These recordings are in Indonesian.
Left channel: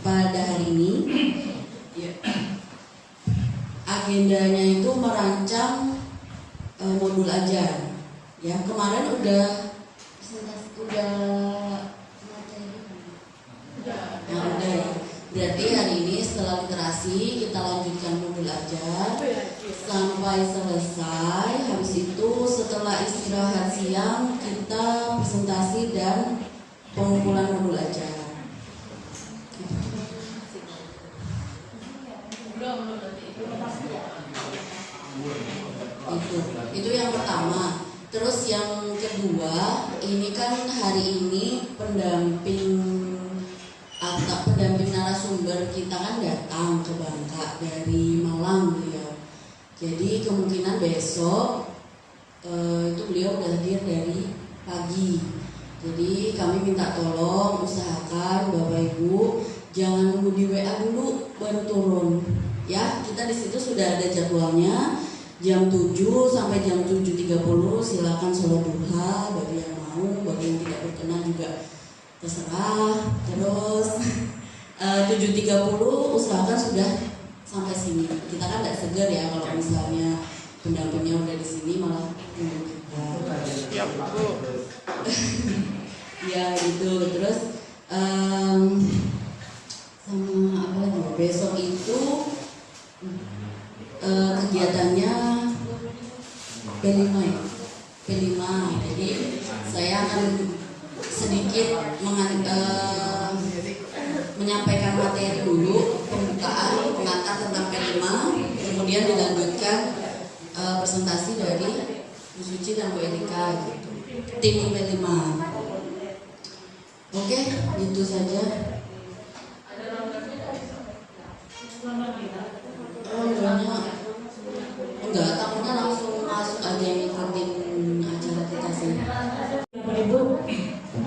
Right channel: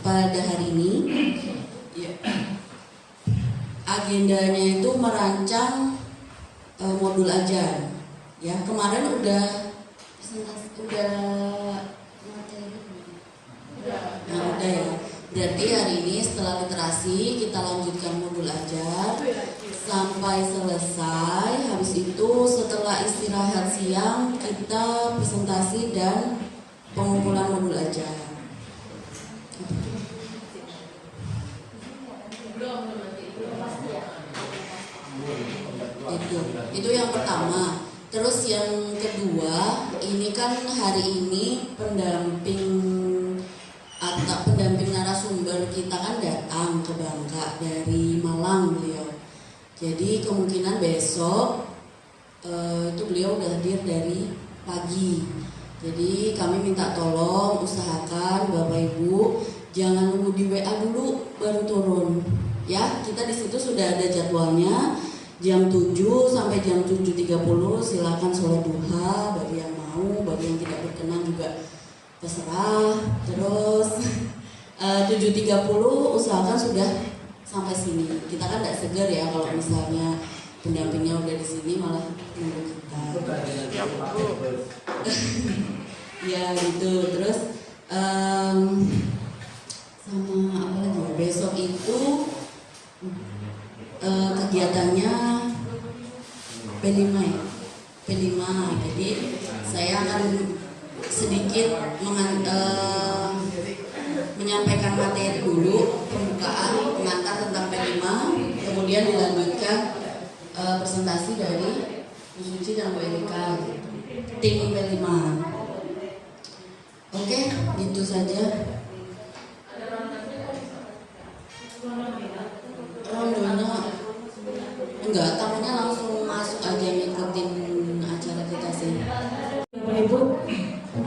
pada hari ini ya, agendanya itu merancang modul ajar. Ya, kemarin udah materi. Nah, udah ya. Berarti hari ini setelah literasi kita lanjutkan modul ajar sampai selesai. Habis itu setelah istirahat siang kita presentasi dan pengumpulan modul ajar. Itu yang pertama. Terus yang kedua, ini kan hari ini pendamping narasumber kita kan datang ke Bangka dari Malang beliau. Jadi kemungkinan besok itu beliau udah hadir dari pagi. Jadi kami minta tolong usahakan Bapak Ibu jangan nunggu di WA dulu baru turun. Ya, kita di situ sudah ada jadwalnya. Jam 7 sampai jam 7.30 silakan sholat duha bagi yang mau, bagi yang tidak berkenan juga terserah. Terus 7.30 usahakan sudah sampai sini. Kita kan tidak segar ya kalau misalnya pendampingnya udah di sini malah tunggu kita. Ya, Bu. Ya gitu. Terus sama apa lagi? Besok itu kegiatannya P5 ya? P5. Jadi saya akan sedikit menyampaikan materi dulu, pembukaan, pengantar tentang P5, kemudian dilanjutkan presentasi dari Bu Suci dan Bu Erika gitu. Tim P5. Oke, itu saja. Enggak, tamunya langsung masuk aja ngikutin acara kita sih. Bapak Ibu,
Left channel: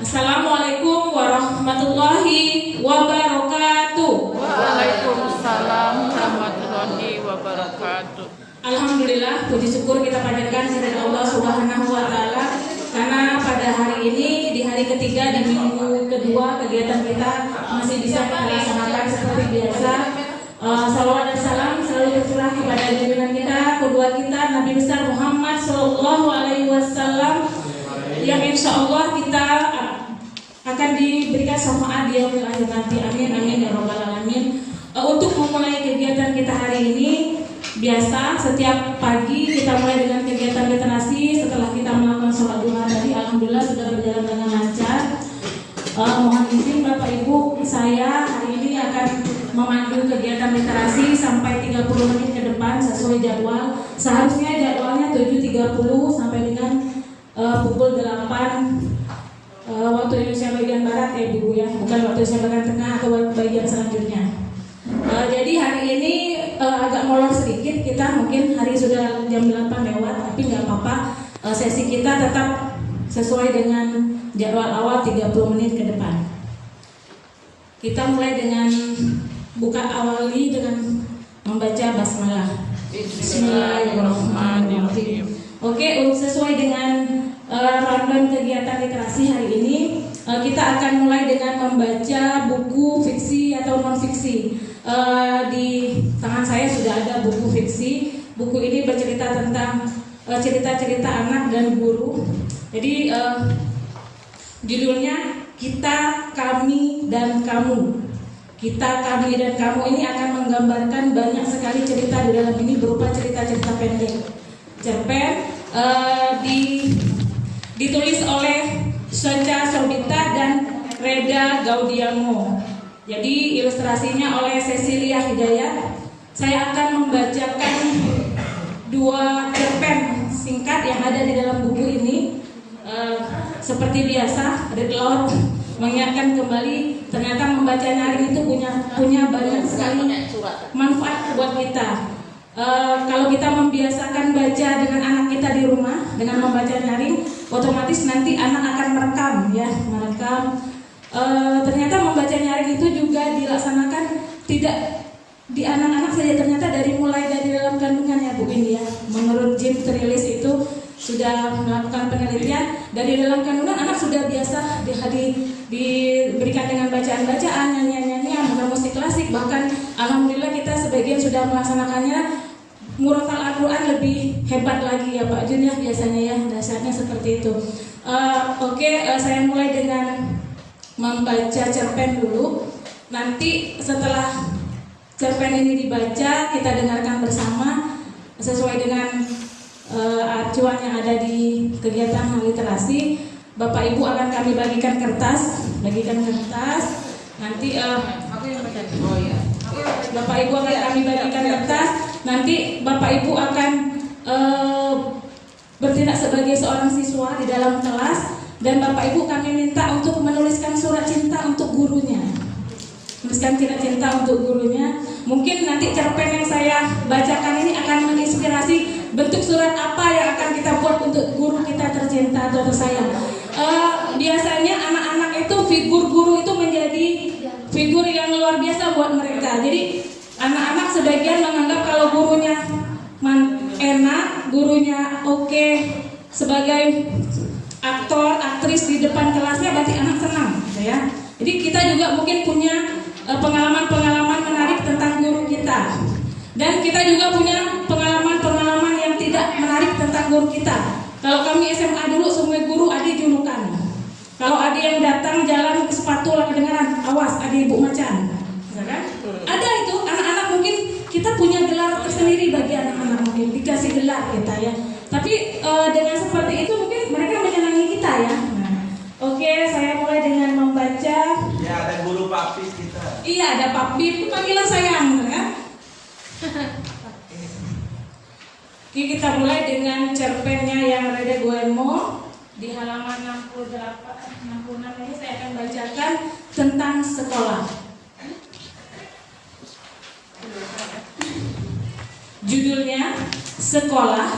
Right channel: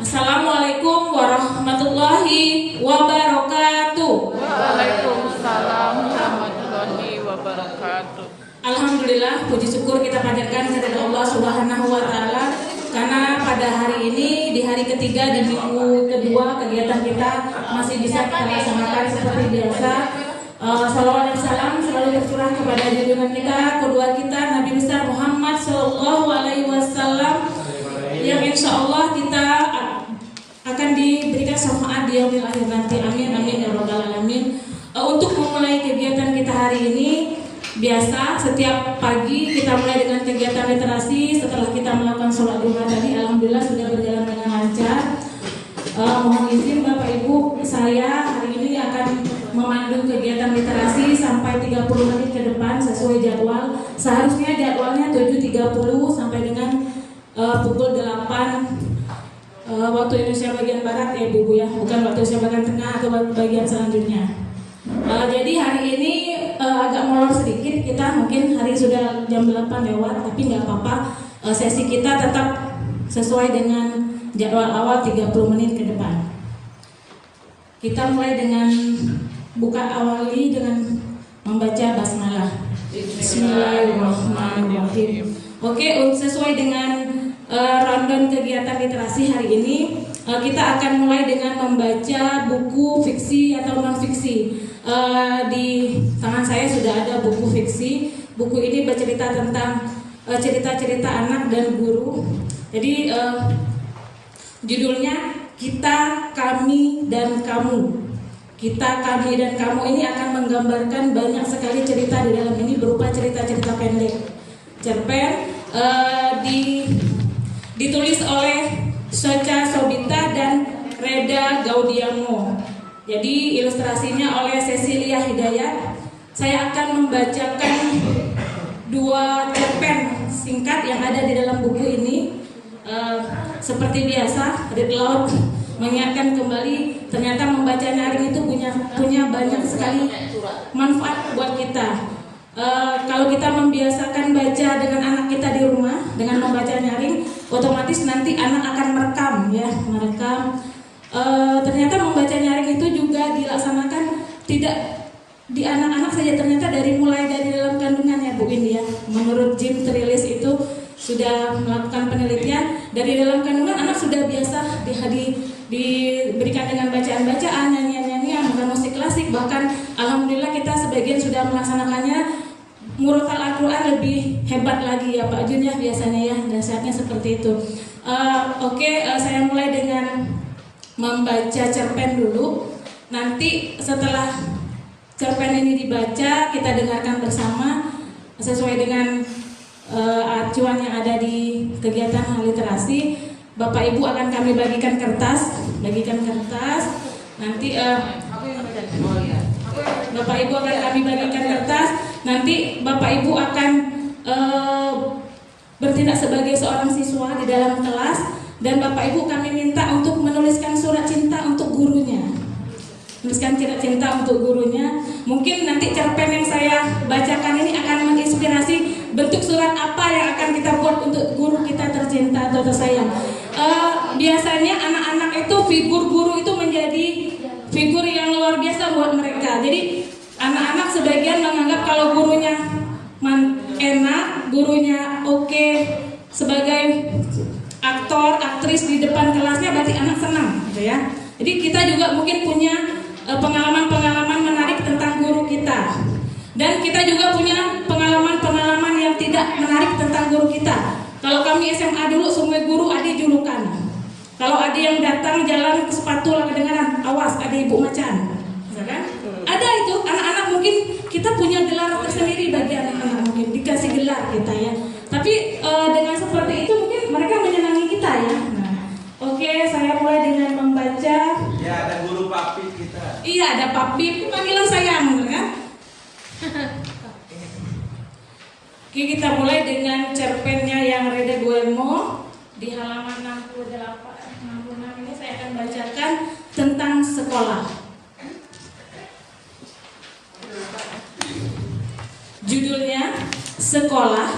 Assalamualaikum warahmatullahi wabarakatuh. Waalaikumsalam warahmatullahi wabarakatuh. Alhamdulillah, puji syukur kita panjatkan kepada Allah Subhanahu wa Ta'ala, karena pada hari ini, di hari ketiga di minggu kedua kegiatan kita masih bisa kita laksanakan seperti biasa. Salawat dan salam selalu tercurah kepada junjungan kita, kedua kita, Nabi besar Muhammad Sallallahu Alaihi Wasallam, yang insya Allah kita akan diberikan syafaat di yaumil akhir nanti. Amin amin ya rabbal alamin. Untuk memulai kegiatan kita hari ini, biasa setiap pagi kita mulai dengan kegiatan literasi. Setelah kita melakukan sholat duha tadi, alhamdulillah sudah berjalan dengan lancar. Mohon izin Bapak Ibu, saya hari ini akan memandu kegiatan literasi sampai 30 menit ke depan sesuai jadwal. Seharusnya jadwalnya 7.30 sampai dengan pukul 8 waktu Indonesia bagian barat ya Bu ya, bukan waktu Indonesia bagian tengah atau bagian selanjutnya. Jadi hari ini agak molor sedikit, kita mungkin hari sudah jam 8 lewat, tapi nggak apa-apa. Sesi kita tetap sesuai dengan jadwal awal 30 menit ke depan. Kita mulai dengan awali dengan membaca basmalah. Bismillahirrahmanirrahim. Oke, sesuai dengan rundown kegiatan literasi hari ini, kita akan mulai dengan membaca buku fiksi atau non fiksi. Di tangan saya sudah ada buku fiksi. Buku ini bercerita tentang cerita-cerita anak dan guru. Jadi judulnya Kita, Kami, dan Kamu. Kita, Kami, dan Kamu ini akan menggambarkan banyak sekali cerita di dalam ini berupa cerita-cerita pendek. Cerpen ditulis oleh Socha Sobita dan Reda Gaudiamo. Jadi ilustrasinya oleh Cecilia Hidayat. Saya akan membacakan 2 cerpen singkat yang ada di dalam buku ini. Seperti biasa, Red Lord mengingatkan kembali, ternyata membaca nyaring itu punya banyak sekali manfaat buat kita. Kalau kita membiasakan baca dengan anak kita di rumah dengan membaca nyaring, otomatis nanti anak akan merekam. Ternyata membaca nyaring itu juga dilaksanakan tidak di anak-anak saja, ternyata mulai dari dalam kandungan ya Bu Indi ya. Menurut Jim Trilis itu sudah melakukan penelitian, dari dalam kandungan anak sudah biasa diberikan dengan bacaan-bacaan, nyanyian-nyanyian, musik sebagian sudah melaksanakannya. Murotal Al-Quran lebih hebat lagi ya Pak Jun ya, biasanya ya, dasarnya seperti itu. Saya mulai dengan membaca cerpen dulu. Nanti setelah cerpen ini dibaca, kita dengarkan bersama sesuai dengan acuan yang ada di kegiatan hal literasi. Bapak Ibu akan kami bagikan kertas. Nanti Bapak Ibu akan kami bagikan kertas. Nanti Bapak Ibu akan bertindak sebagai seorang siswa di dalam kelas, dan Bapak Ibu kami minta untuk menuliskan surat cinta untuk gurunya. Mungkin nanti cerpen yang saya bacakan ini akan menginspirasi bentuk surat apa yang akan kita buat untuk guru kita tercinta atau tersayang. Biasanya anak-anak itu figur guru itu menjadi figur yang luar biasa buat mereka. Jadi anak-anak sebagian menganggap kalau gurunya enak, gurunya oke, sebagai aktor, aktris di depan kelasnya berarti anak senang, gitu ya. Jadi kita juga mungkin punya pengalaman-pengalaman menarik tentang guru kita. Dan kita juga punya pengalaman-pengalaman yang tidak menarik tentang guru kita. Kalau kami SMA dulu, semua guru ada julukan. Kalau ada yang datang jalan ke sepatu kedengaran, awas ada ibu macan, kan? Ada itu anak-anak, mungkin kita punya gelar tersendiri bagi anak-anak, mungkin dikasih gelar kita ya. Tapi dengan seperti itu mungkin mereka menyenangi kita ya. Saya mulai dengan membaca. Ya, ada guru Papip kita. Iya, ada Papip, panggilan sayang ya. Oke, kita mulai dengan cerpennya yang Reda Guillermo di halaman 66 ini saya akan bacakan tentang sekolah. Judulnya Sekolah.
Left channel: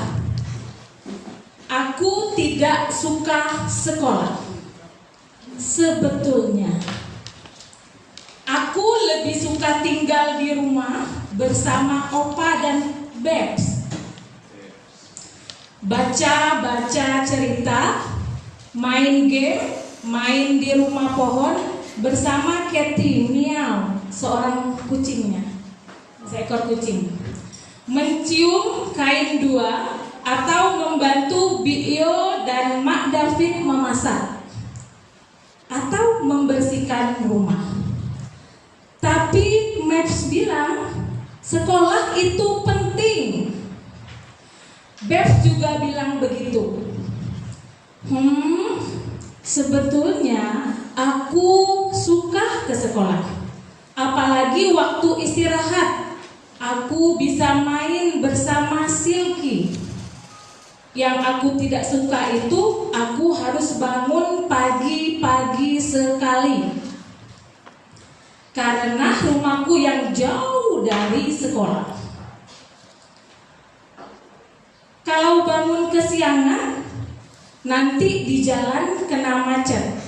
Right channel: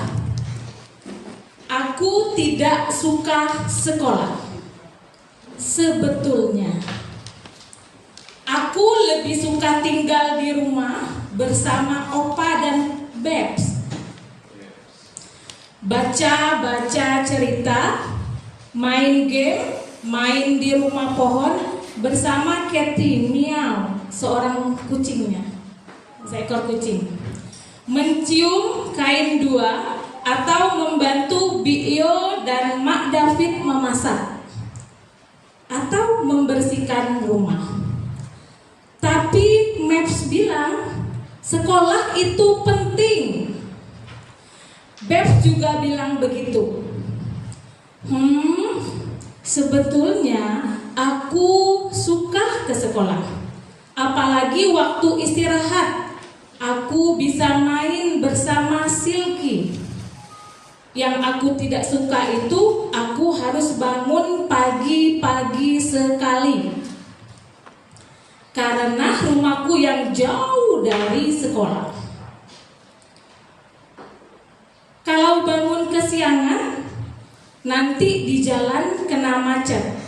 Aku tidak suka sekolah. Sebetulnya aku lebih suka tinggal di rumah bersama Opa dan Bebs. Baca-baca cerita, main game, main di rumah pohon bersama Cathy Miau, seorang kucingnya, seekor kucing. Mencium kain dua atau membantu Bio dan Mak David memasak atau membersihkan rumah. Tapi Maps bilang sekolah itu penting. Bebs juga bilang begitu. Sebetulnya aku suka ke sekolah. Apalagi waktu istirahat, aku bisa main bersama Silky. Yang aku tidak suka itu, aku harus bangun pagi-pagi sekali. Karena rumahku yang jauh dari sekolah. Kalau bangun kesiangan, nanti di jalan kena macet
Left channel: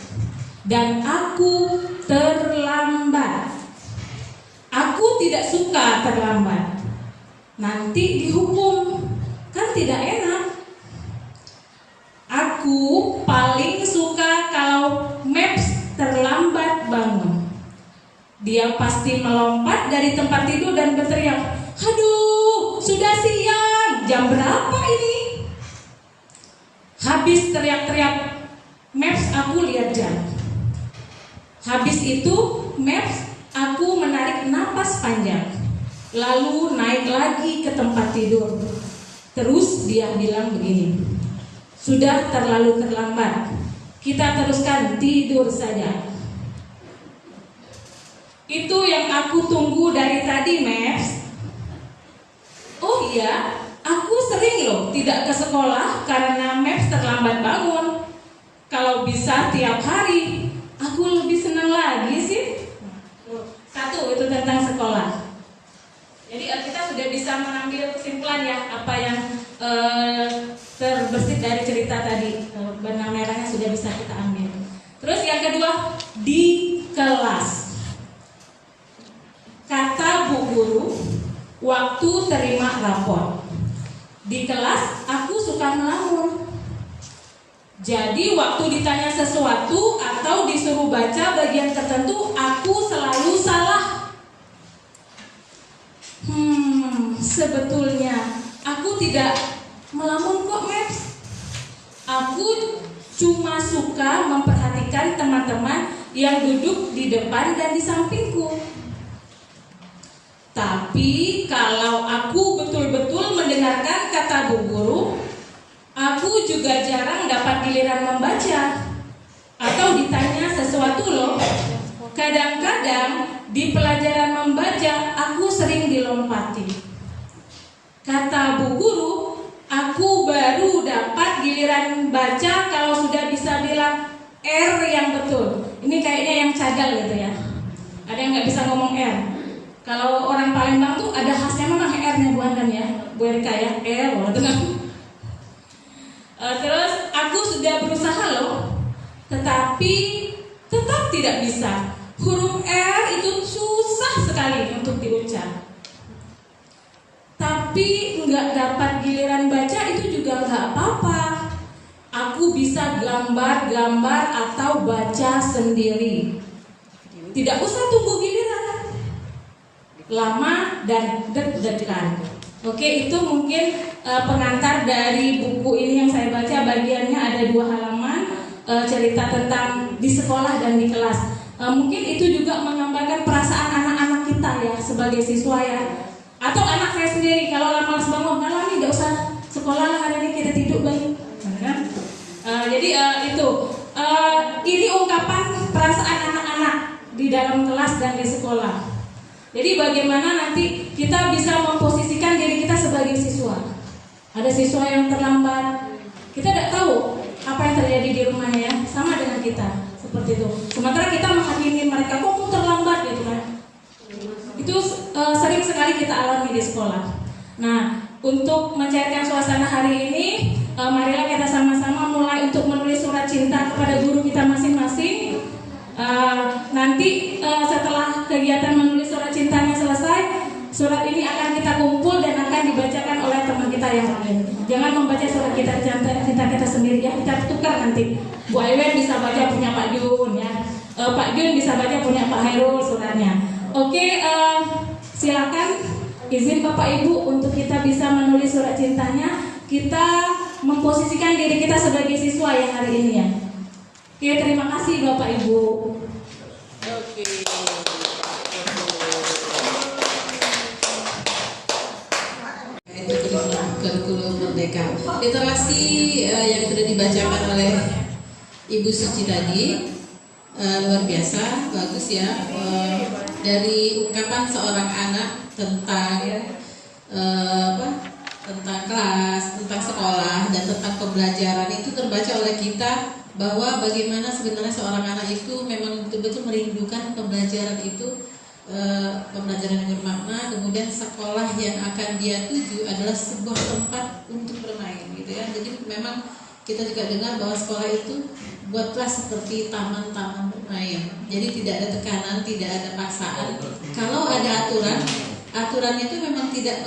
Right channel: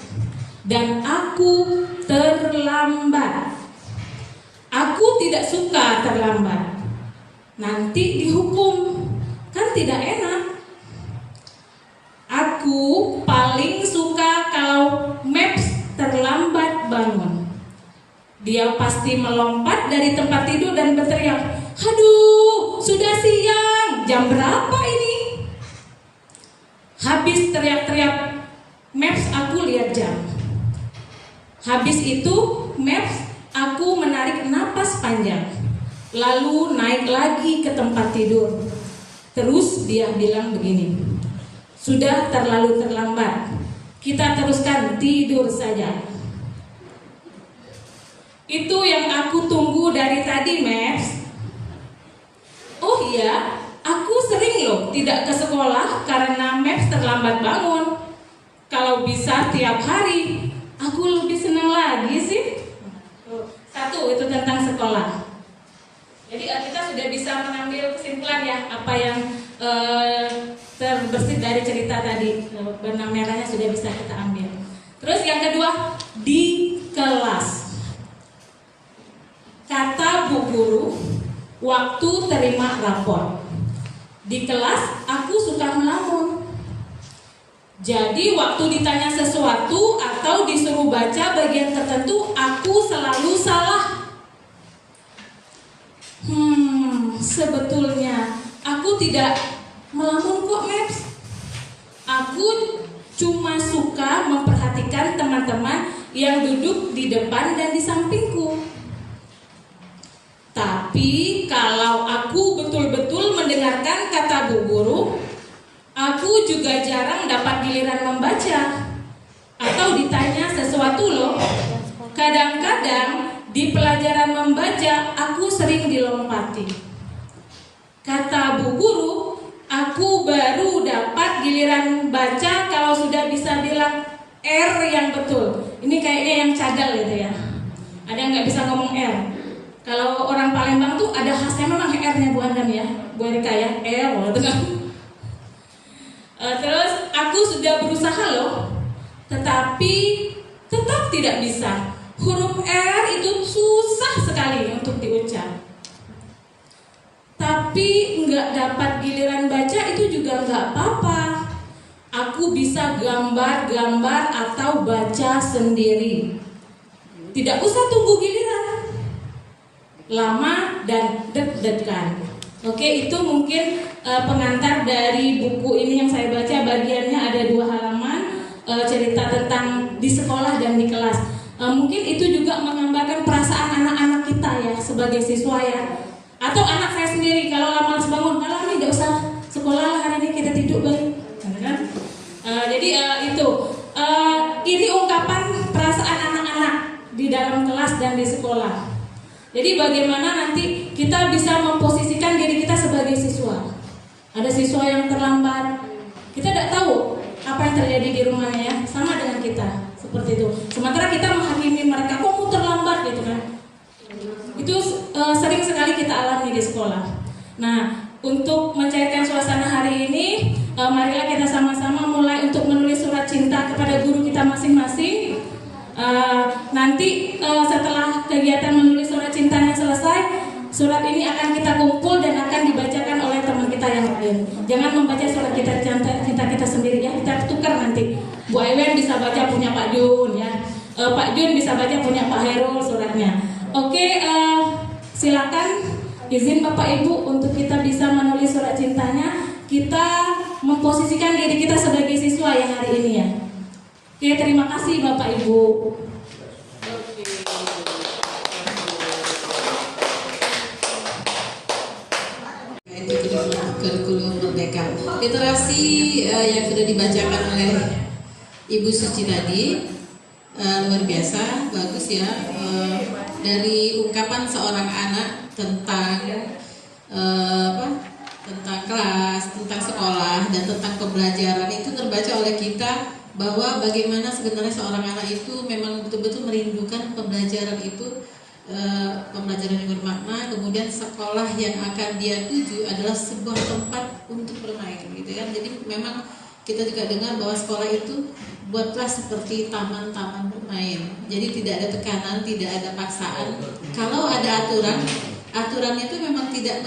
dan aku terlambat. Aku tidak suka terlambat. Nanti dihukum, kan tidak enak. Aku paling suka kalau Maps terlambat bangun. Dia pasti melompat dari tempat tidur dan berteriak, "Aduh, sudah siang, jam berapa ini?" Habis teriak-teriak Maps, aku lihat jam. Habis itu Maps, aku menarik napas panjang, lalu naik lagi ke tempat tidur. Terus dia bilang begini, "Sudah terlalu terlambat, kita teruskan tidur saja." Itu yang aku tunggu dari tadi, Maps. Oh iya, aku sering loh tidak ke sekolah karena Maps terlambat bangun. Kalau bisa tiap hari, aku lebih senang lagi sih. Satu, itu tentang sekolah. Jadi kita sudah bisa mengambil kesimpulan ya, apa yang terbesit dari cerita tadi. Benang merahnya sudah bisa kita ambil. Terus yang kedua, di kelas. Kata Bu Guru, waktu terima rapor. Di kelas aku suka melamun. Jadi waktu ditanya sesuatu atau disuruh baca bagian tertentu, aku selalu salah. tidak melamun kok, Maps. Aku cuma suka memperhatikan teman-teman yang duduk di depan dan di sampingku. Tapi kalau aku betul-betul mendengarkan kata Bu Guru, aku juga jarang dapat giliran membaca atau ditanya sesuatu loh. Kadang-kadang di pelajaran membaca aku sering dilompati. Kata Bu Guru, aku baru dapat giliran baca kalau sudah bisa bilang R yang betul. Ini kayaknya yang cadel gitu ya. Ada yang nggak bisa ngomong R. Kalau orang Palembang tuh ada khasnya memang R-nya Bu Andam ya, Bu Erika ya, R. Terus aku sudah berusaha loh, tetapi tetap tidak bisa. Huruf R itu susah sekali untuk diucap. Tapi nggak dapat giliran baca itu juga nggak apa-apa. Aku bisa gambar-gambar atau baca sendiri. Tidak usah tunggu giliran lama dan deg-degan. Oke, itu mungkin pengantar dari buku ini yang saya baca. Bagiannya ada 2 halaman, cerita tentang di sekolah dan di kelas. Mungkin itu juga menggambarkan perasaan anak-anak kita ya sebagai siswa ya. Atau anak saya sendiri, kalau lama bangun, kalau nih gak usah sekolah lah, hari ini kita tidur lagi. Jadi ini ungkapan perasaan anak-anak di dalam kelas dan di sekolah. Jadi bagaimana nanti kita bisa memposisikan diri kita sebagai siswa. Ada siswa yang terlambat, kita tidak tahu apa yang terjadi di rumahnya ya, sama dengan kita seperti itu. Sementara kita menghakimi mereka, kok terlambat gitu kan. Itu sering sekali kita alami di sekolah. Nah, untuk mencairkan suasana hari ini, marilah kita sama-sama mulai untuk menulis surat cinta kepada guru kita masing-masing. Nanti setelah kegiatan menulis surat cintanya selesai, surat ini akan kita kumpul dan akan dibacakan oleh teman kita yang lain. Jangan membaca surat cinta kita sendiri ya, kita tukar nanti. Bu Aileen bisa baca punya Pak Jun ya, Pak Jun bisa baca punya Pak Hairul suratnya. Oke, silakan izin Bapak Ibu untuk kita bisa menulis surat cintanya. Kita memposisikan diri kita sebagai siswa ya hari ini ya. Oke, terima kasih Bapak Ibu. Kurikulum Merdeka. Literasi yang sudah dibacakan oleh Ibu Suci tadi luar biasa, bagus ya. Dari ungkapan seorang anak tentang tentang kelas, tentang sekolah, dan tentang pembelajaran itu terbaca oleh kita bahwa bagaimana sebenarnya seorang anak itu memang betul-betul merindukan pembelajaran itu, pembelajaran yang bermakna. Kemudian sekolah yang akan dia tuju adalah sebuah tempat untuk bermain gitu ya. Jadi memang kita juga dengar bahwa sekolah itu buatlah seperti taman-taman bermain. Jadi tidak ada tekanan, tidak ada paksaan. Kalau ada aturannya itu memang tidak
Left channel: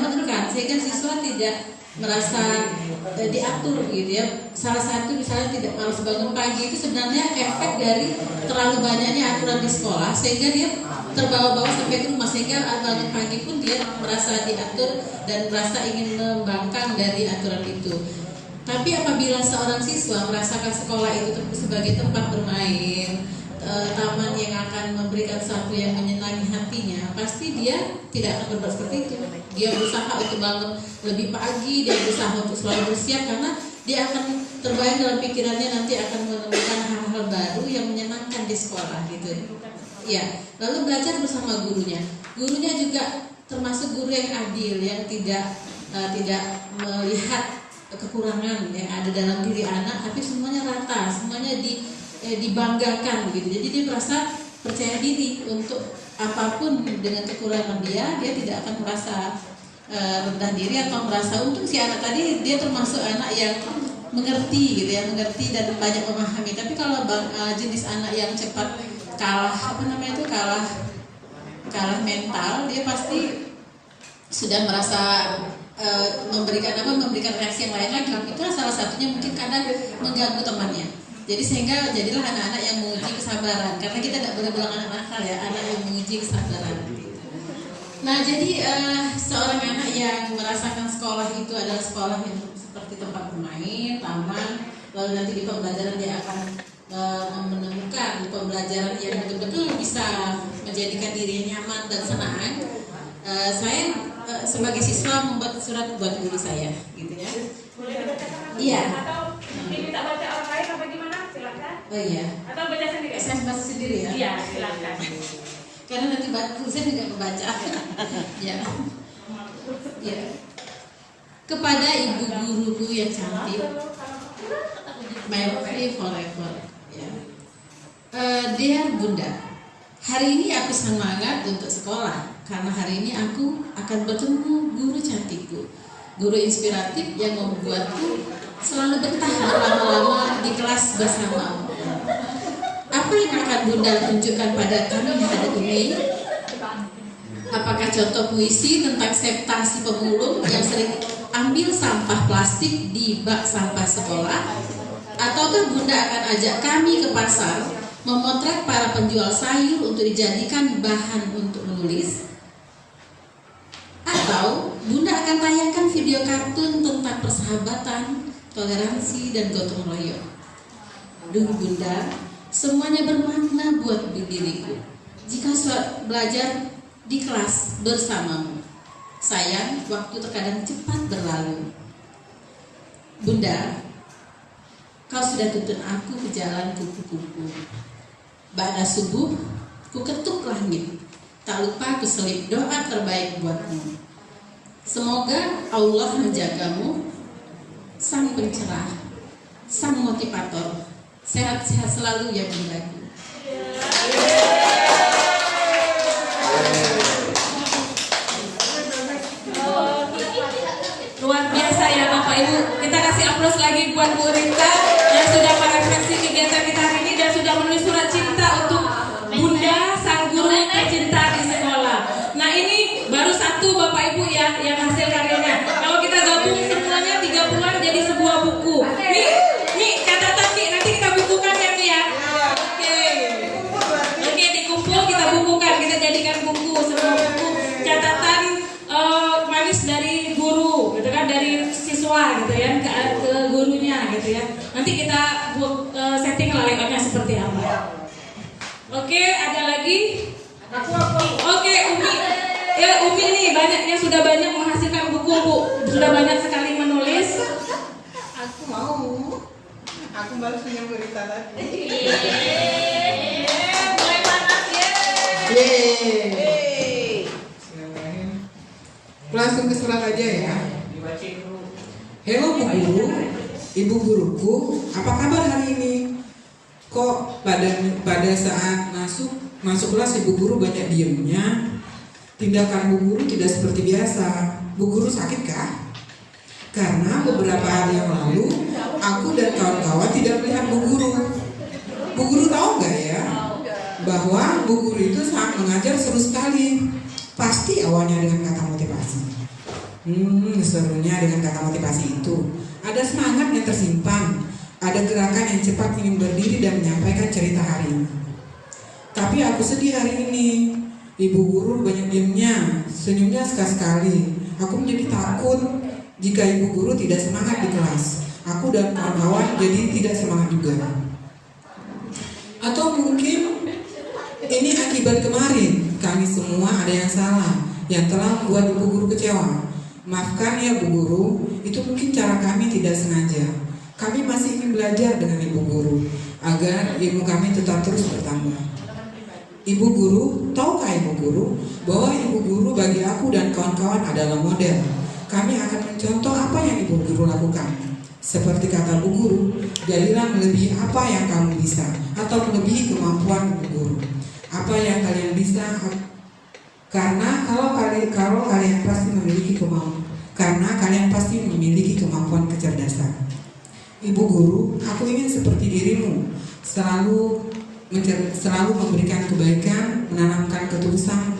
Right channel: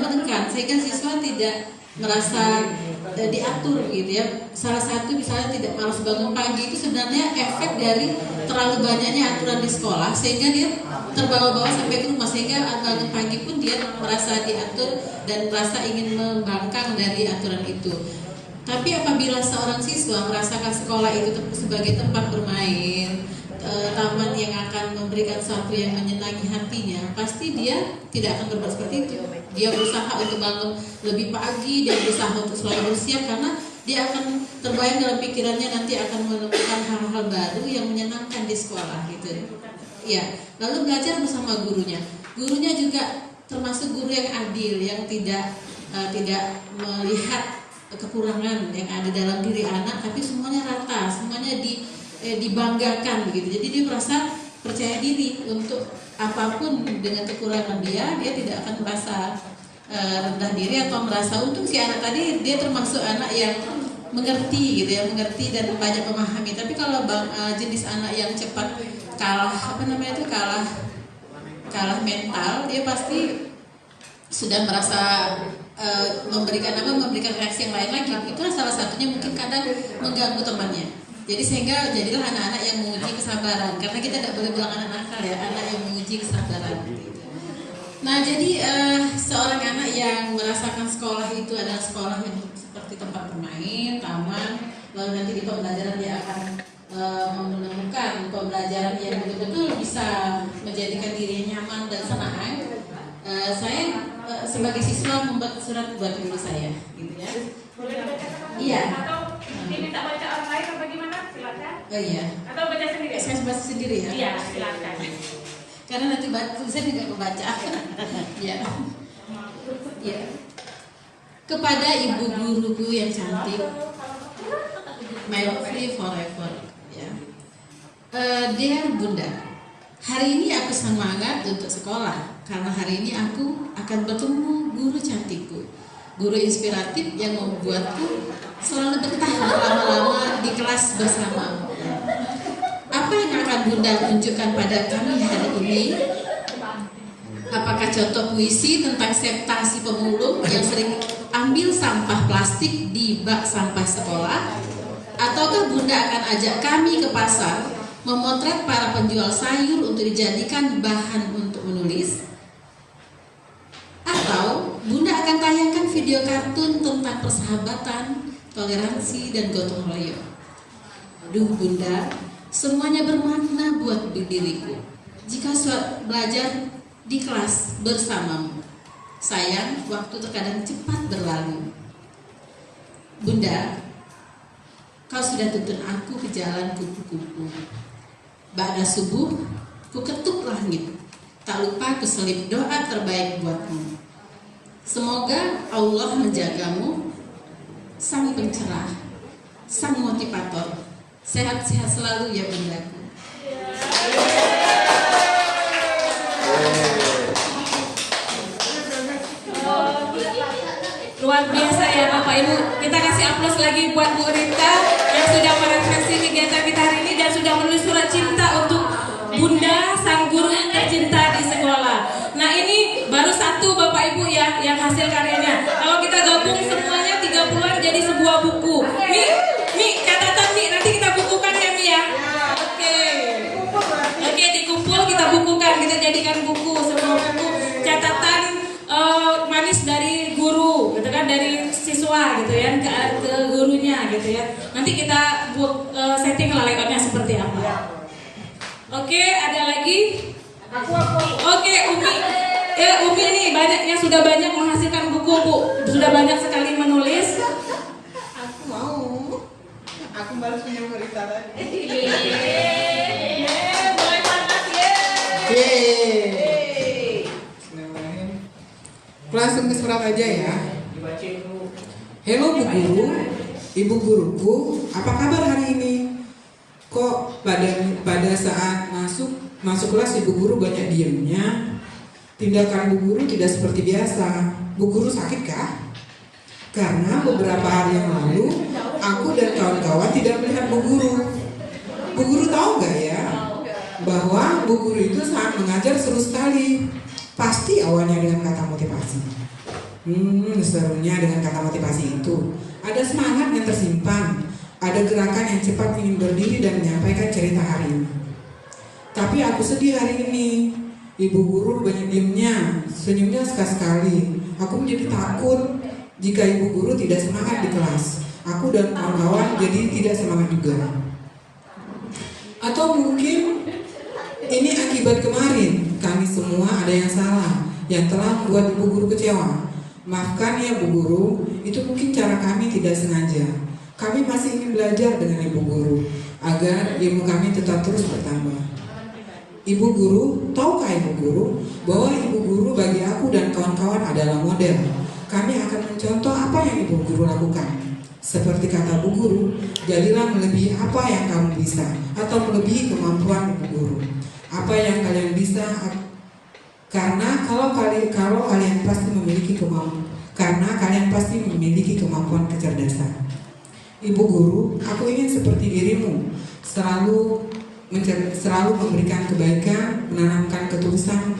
menekan, sehingga siswa tidak merasa diatur gitu ya. Salah satu misalnya tidak harus bangun pagi itu sebenarnya efek dari terlalu banyaknya aturan di sekolah, sehingga dia terbawa-bawa sampai ke rumah, sehingga bangun pagi pun dia merasa diatur dan merasa ingin membangkang dari aturan itu. Tapi apabila seorang siswa merasakan sekolah itu sebagai tempat bermain, taman yang akan memberikan sesuatu yang menyenangi hatinya, pasti dia tidak akan berbuat seperti itu. Dia berusaha untuk bangun lebih pagi, dia berusaha untuk selalu bersiap, karena dia akan terbayang dalam pikirannya nanti akan menemukan hal-hal baru yang menyenangkan di sekolah gitu. Ya, lalu belajar bersama gurunya. Gurunya juga termasuk guru yang adil, yang tidak melihat kekurangan yang ada dalam diri anak, tapi semuanya rata, semuanya dibanggakan begitu. Jadi dia merasa percaya diri untuk apapun dengan kekurangan dia tidak akan merasa rendah diri atau merasa untung. Si anak tadi dia termasuk anak yang mengerti gitu ya, mengerti dan banyak memahami. Tapi kalau jenis anak yang cepat kalah mental, dia pasti sudah merasa memberikan reaksi yang lain lagi. Itulah salah satunya mungkin kadang mengganggu temannya. Jadi sehingga jadilah anak-anak yang menguji kesabaran. Karena kita tidak boleh bilang anak nakal ya, anak yang menguji kesabaran. Nah, jadi seorang anak yang merasakan sekolah itu adalah sekolah yang seperti tempat bermain, taman, lalu nanti di pembelajaran dia akan menemukan pembelajaran yang betul-betul bisa menjadikan dirinya nyaman dan senang. Saya sebagai siswa membuat surat buat guru saya, gitu ya. Iya. Atau diminta baca orang lain apa gimana? Silakan. Oh iya. Atau baca sendiri? Saya baca sendiri ya. Iya, silakan. Karena nanti tulisan juga kebaca. Ya. Ya. Kepada ibu guruku yang cantik, Melfri forever. Ya. Dear Bunda, hari ini aku semangat untuk sekolah karena hari ini aku akan bertemu guru cantikku, guru inspiratif yang membuatku selalu betah berlama-lama di kelas bersamamu. Apa yang akan Bunda tunjukkan pada kami hari ini? Apakah contoh puisi tentang septasi pemulung yang sering ambil sampah plastik di bak sampah sekolah? Ataukah Bunda akan ajak kami ke pasar memotret para penjual sayur untuk dijadikan bahan untuk menulis? Atau Bunda akan tayangkan video kartun tentang persahabatan, toleransi, dan gotong royong? Aduh Bunda, semuanya bermakna buat diriku jika belajar di kelas bersamamu. Sayang, waktu terkadang cepat berlalu. Bunda, kau sudah tuntun aku ke jalan kupu-kupu. Ba'da subuh, ku ketuk langit. Tak lupa ku selip doa terbaik buatmu. Semoga Allah menjagamu, sang pencerah, sang motivator. Sehat-sehat selalu ya Bundaku. Luar biasa ya Bapak Ibu. Kita kasih aplaus lagi buat Bu Rita yang sudah merefleksi kegiatan kita hari ini dan sudah menulis surat cinta untuk Bunda sang guru tercinta di sekolah. Nah ini baru satu Bapak Ibu ya yang hasil karyanya. Kalau kita gabung semuanya 30-an jadi sebuah buku. Nih catatan nih nanti kita bukukan ya nih ya. Oke dikumpul kita bukukan, kita jadikan buku, semua buku catatan manis dari guru, gitu kan, dari siswa gitu ya ke gurunya gitu ya. Nanti kita setting layoutnya seperti apa. Oke, ada lagi? Oke, Umi. Ya, Umi nih banyaknya sudah banyak menghasilkan buku, Bu. Sudah banyak sekali menulis. Aku mau. Aku baru senyum berita tadi. Mulai panas ya. Langsung ke surat aja ya. Hello Bu Guru, Ibu guruku, apa kabar hari ini? Kok pada saat masuk kelas Ibu Guru banyak diemnya? Tindakan Bu Guru tidak seperti biasa. Bu Guru sakit kah? Karena beberapa hari yang lalu aku dan kawan-kawan tidak melihat Bu Guru. Bu Guru tahu nggak ya bahwa Bu Guru itu saat mengajar seru sekali. Pasti awalnya dengan kata motivasi. Serunya dengan kata motivasi itu ada semangat yang tersimpan, ada gerakan yang cepat ingin berdiri dan menyampaikan cerita hari ini. Tapi aku sedih hari ini. Ibu Guru banyak diamnya, senyumnya sekali-sekali. Aku menjadi takut jika Ibu Guru tidak semangat di kelas. Aku dan kawan-kawan jadi tidak semangat juga. Atau mungkin ini akibat kemarin kami semua ada yang salah, yang telah membuat Ibu Guru kecewa. Maafkan ya Bu Guru, itu mungkin cara kami tidak sengaja. Kami masih ingin belajar dengan Ibu Guru agar ilmu kami tetap terus bertambah. Ibu Guru, tahukah Ibu Guru bahwa Ibu Guru bagi aku dan kawan-kawan adalah model. Kami akan mencontoh apa yang Ibu Guru lakukan. Seperti kata Bu Guru, jadilah melebihi apa yang kamu bisa atau melebihi kemampuan Ibu Guru. Apa yang kalian bisa, karena kalian pasti memiliki kemampuan. Karena kalian pasti memiliki kemampuan kecerdasan. Ibu Guru, aku ingin seperti dirimu, selalu memberikan kebaikan, menanamkan ketulusan,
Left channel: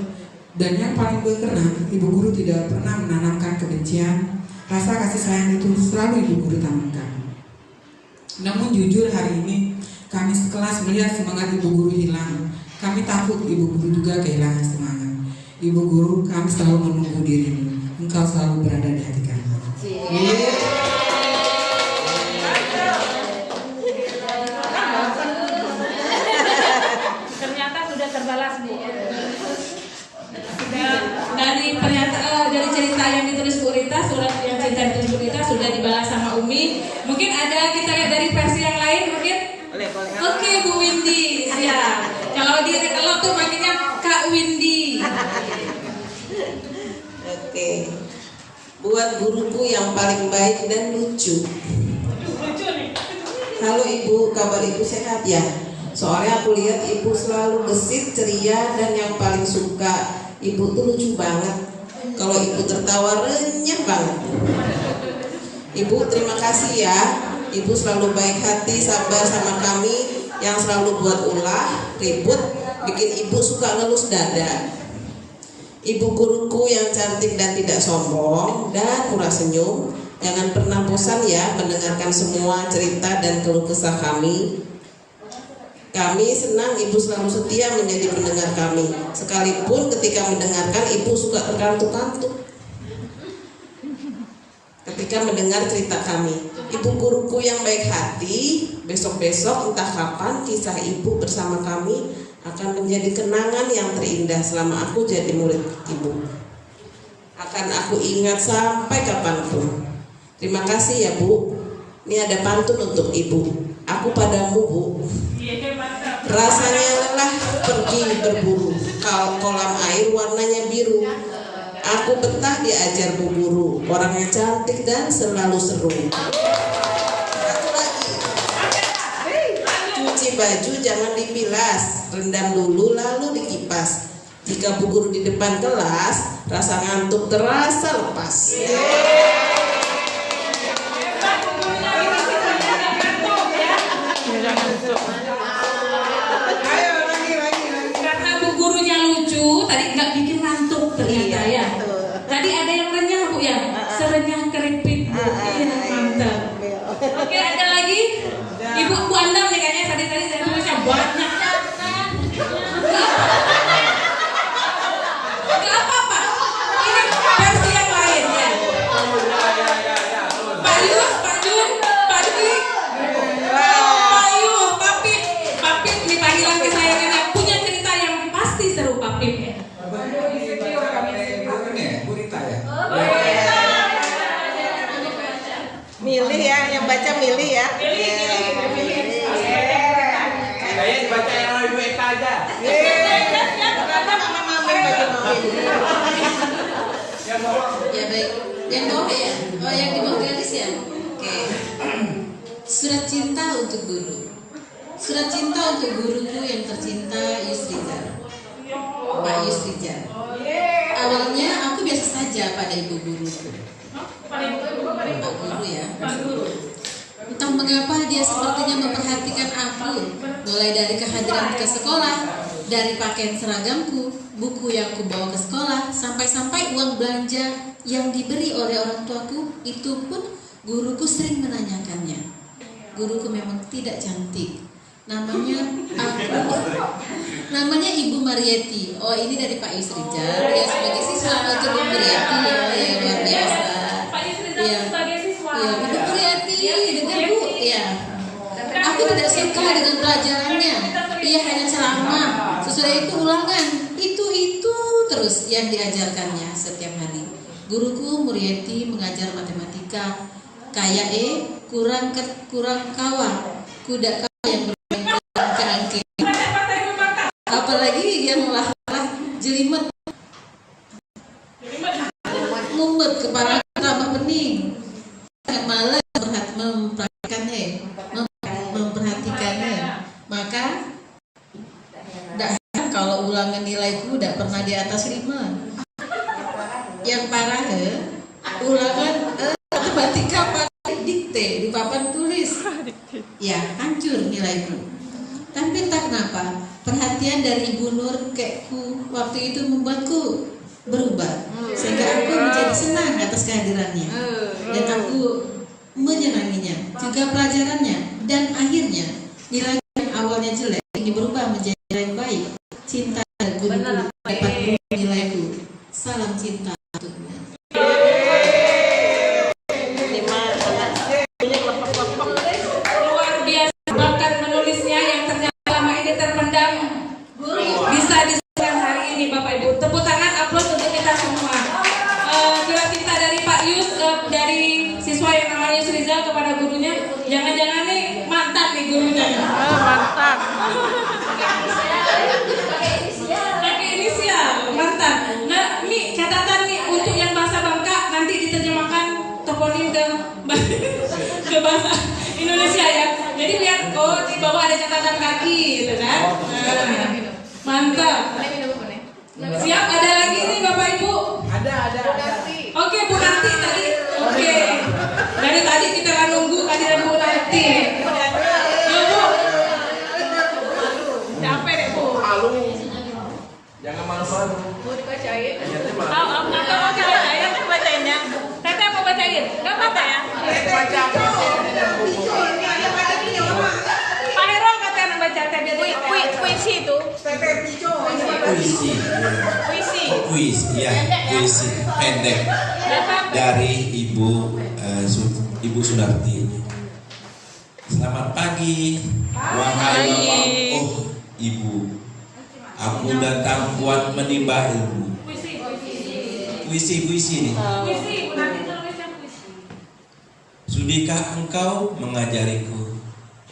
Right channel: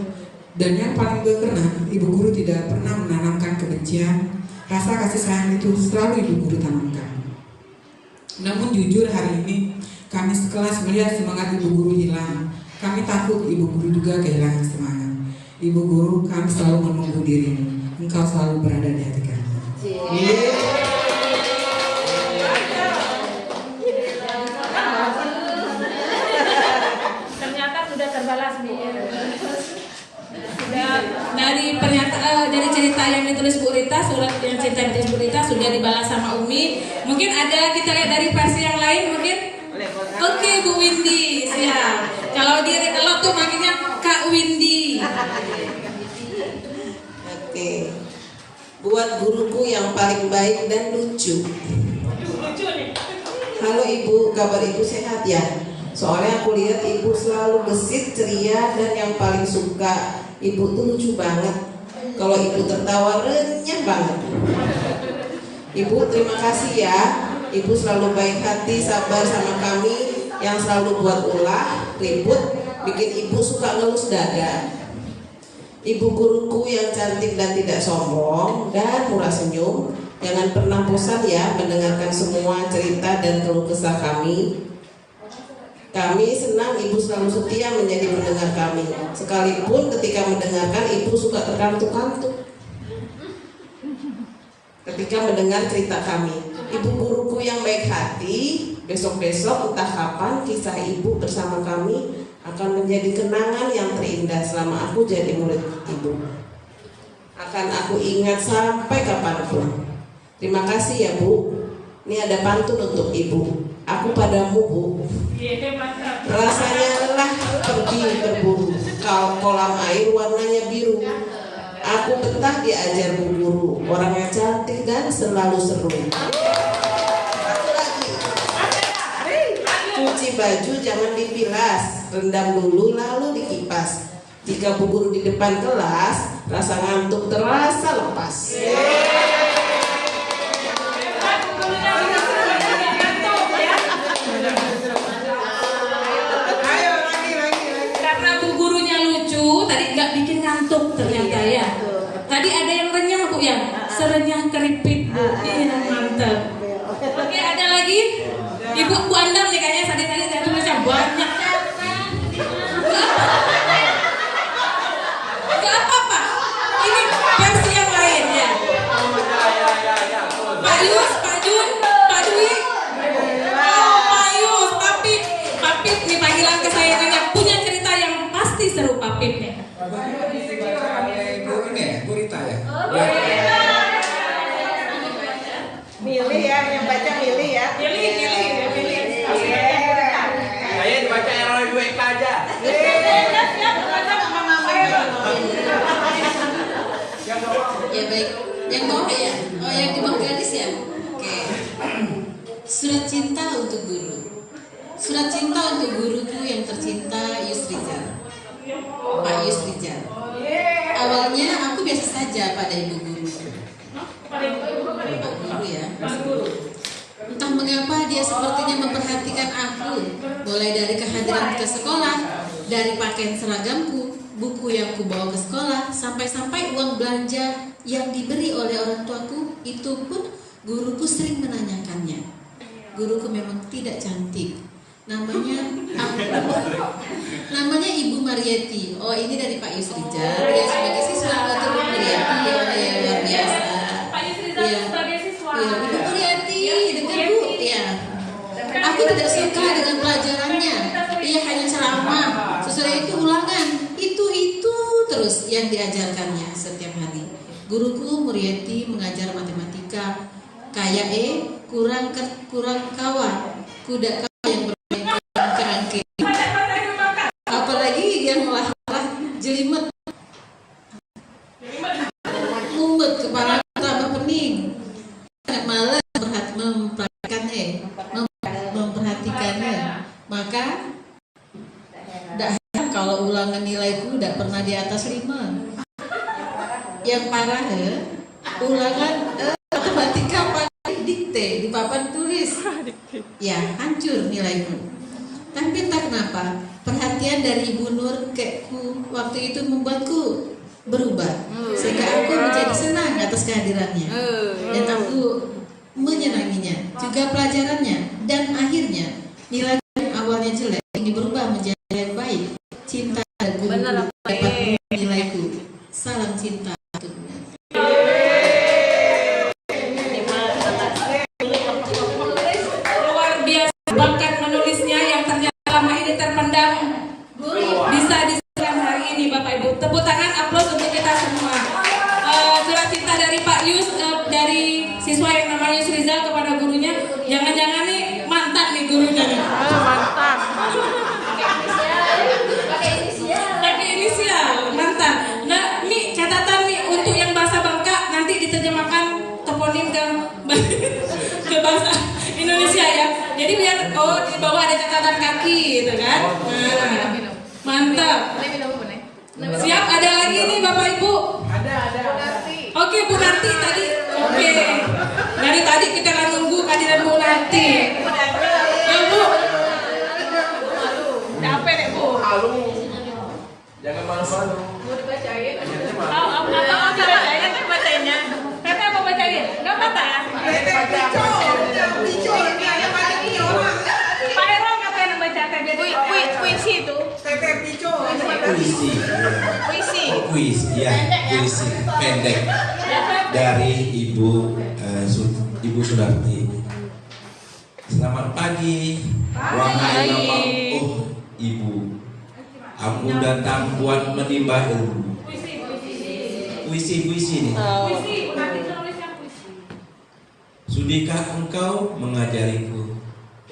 dan yang paling berkenan, Ibu Guru tidak pernah menanamkan kebencian. Rasa kasih sayang itu selalu Ibu Guru tanamkan. Namun jujur hari ini kami sekelas melihat semangat Ibu Guru hilang. Kami takut Ibu Guru juga kehilangan semangat. Ibu guru, kami selalu menunggu dirimu. Engkau selalu berada di hati kami. Ternyata sudah terbalas, Bu. Sudah dari cerita yang ditulis Bu Rita, surat yang cerita yang ditulis Bu Rita sudah dibalas sama Umi. Mungkin ada kita lihat dari versi yang lain mungkin. Oke, Bu Windy, siap. Kalau dia kalau tuh manggilnya Kak Windy. Oke. Buat guruku yang paling baik dan lucu. Halo Ibu, kabar Ibu sehat ya? Soalnya aku lihat Ibu selalu gesit, ceria, dan yang paling suka Ibu tuh lucu banget. Kalau Ibu tertawa renyah banget. Ibu terima kasih ya. Ibu selalu baik hati, sabar sama kami yang selalu buat ulah, ribut, bikin Ibu suka ngelus dada. Ibu guruku yang cantik dan tidak sombong dan murah senyum, jangan pernah bosan ya mendengarkan semua cerita dan keluh kesah kami. Kami senang Ibu selalu setia menjadi pendengar kami. Sekalipun ketika mendengarkan Ibu suka terkantuk-kantuk ketika mendengar cerita kami. Ibu guruku yang baik hati, besok-besok entah kapan kisah Ibu bersama kami akan menjadi kenangan yang terindah selama aku jadi murid Ibu. Akan aku ingat sampai kapanpun. Terima kasih ya Bu. Ini ada pantun untuk Ibu. Aku padamu Bu. Rasanya lelah pergi berburu, kolam air warnanya biru. Aku betah diajar Bu Guru, orangnya cantik dan selalu seru. Satu lagi, cuci baju jangan dibilas, rendam dulu lalu dikipas. Jika Bu Guru di depan kelas, rasa ngantuk terasa lepas. Karena Bu gurunya lucu, tadi nggak bikin ngantuk ternyata ya. Tadi ada yang renyah Bu ya, serenyah keripik Bu. Iya, mantap. Oke, ada lagi? Ibu Bu Andam nih kayaknya tadi saya tulisnya banyak. Gak apa-apa. Ini versi yang lain ya. Pak Yus, Pak Jun, Pak Dwi, Pak Yus, Papip nih panggilan kesayangannya punya cerita yang pasti seru Papipnya. Milih ya, yang baca milih ya. Saya baca yang lalu Eka aja. Ya baik, yang bawah ya? Oh yang di bawah gratis ya? Oke. Surat cinta untuk guru. Surat cinta untuk guruku yang tercinta Yusrizal, Pak Yusrizal. Awalnya aku biasa saja pada ibu guruku. Pak guru ya. Entah mengapa dia sepertinya memperhatikan aku, mulai dari kehadiran ke sekolah, dari pakaian seragamku, buku yang aku bawa ke sekolah, sampai-sampai uang belanja yang diberi oleh orang tuaku, itu pun guruku sering menanyakannya. Guruku memang tidak cantik. Namanya Ibu Marieti. Oh, ini dari Pak Yusrizal. Ya sebagai siswa untuk Ibu Marieti ya luar biasa. Pak Yusrizal sebagai siswa. Ya, Ibu Marieti, dengar Bu. Ya. Aku tidak suka dengan pelajarannya. Ia hanya ceramah. Sesudah itu ulangan. Itu terus yang diajarkannya setiap hari. Guruku Marieti mengajar matematika. Kayak kurang kawan. Kuda kawan yang bermain kerangkeng. Apalagi yang melarang jelimet. Mumet kepala tambah pening. Malas memperhatikannya. Maka tidak heran kalau ulangan nilaiku tidak pernah di atas 5. Yang parah ulangan matematika pakai dikte di papan tulis. Ya hancur nilaiku. Tapi entah kenapa perhatian dari Ibu Nur kekku waktu itu membuatku berubah, sehingga aku menjadi senang atas kehadirannya dan aku menyenanginya, juga pelajarannya, dan akhirnya nilai yang awalnya jelek ini berubah menjadi nilai baik. Cinta guru dapat nilaiku. Narti tadi. Oke. Dari tadi kita akan nunggu kehadiran Bu Narti. Yo Bu. Capek deh Bu. Jangan malu-malu. Atau mau dibacain, kan bacainnya. Teteh mau bacain? Gak apa ya? Pak Herwan kata yang baca Puisi itu. Puisi, ya, puisi pendek dari Ibu Sunarti. Selamat pagi, wahai Bapak, oh Ibu. Aku datang buat menimba ilmu. Puisi nih. Sudahkah engkau mengajariku,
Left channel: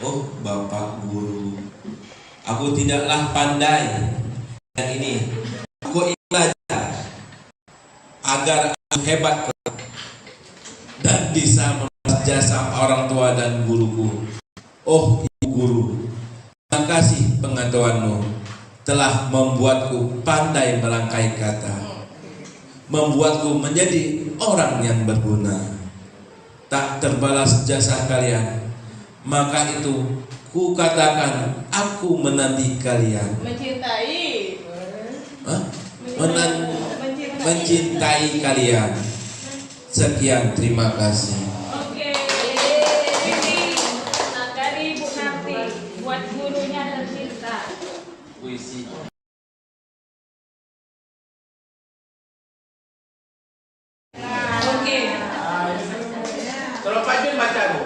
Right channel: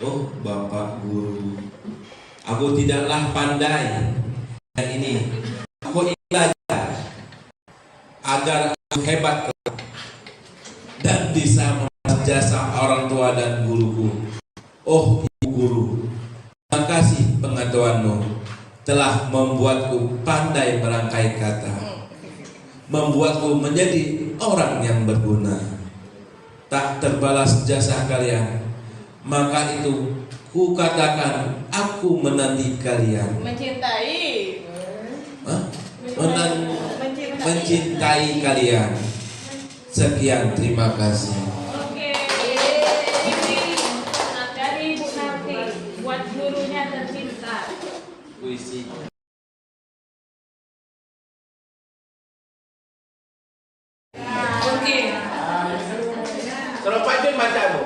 oh Bapak Guru? Aku tidaklah pandai dan ini aku ingin belajar agar aku hebat dan bisa membalas jasa orang tua dan guruku. Oh Ibu Guru, terima kasih pengetahuanmu telah membuatku pandai merangkai kata, membuatku menjadi orang yang berguna. Tak terbalas jasa kalian, maka itu ku katakan aku menanti kalian. Mencintai. Mencintai kalian. Sekian, terima kasih. Oke. Ini dari Bu Narti buat gurunya tercinta. Puisi. Oke. Kalau Pak Jun baca Bu.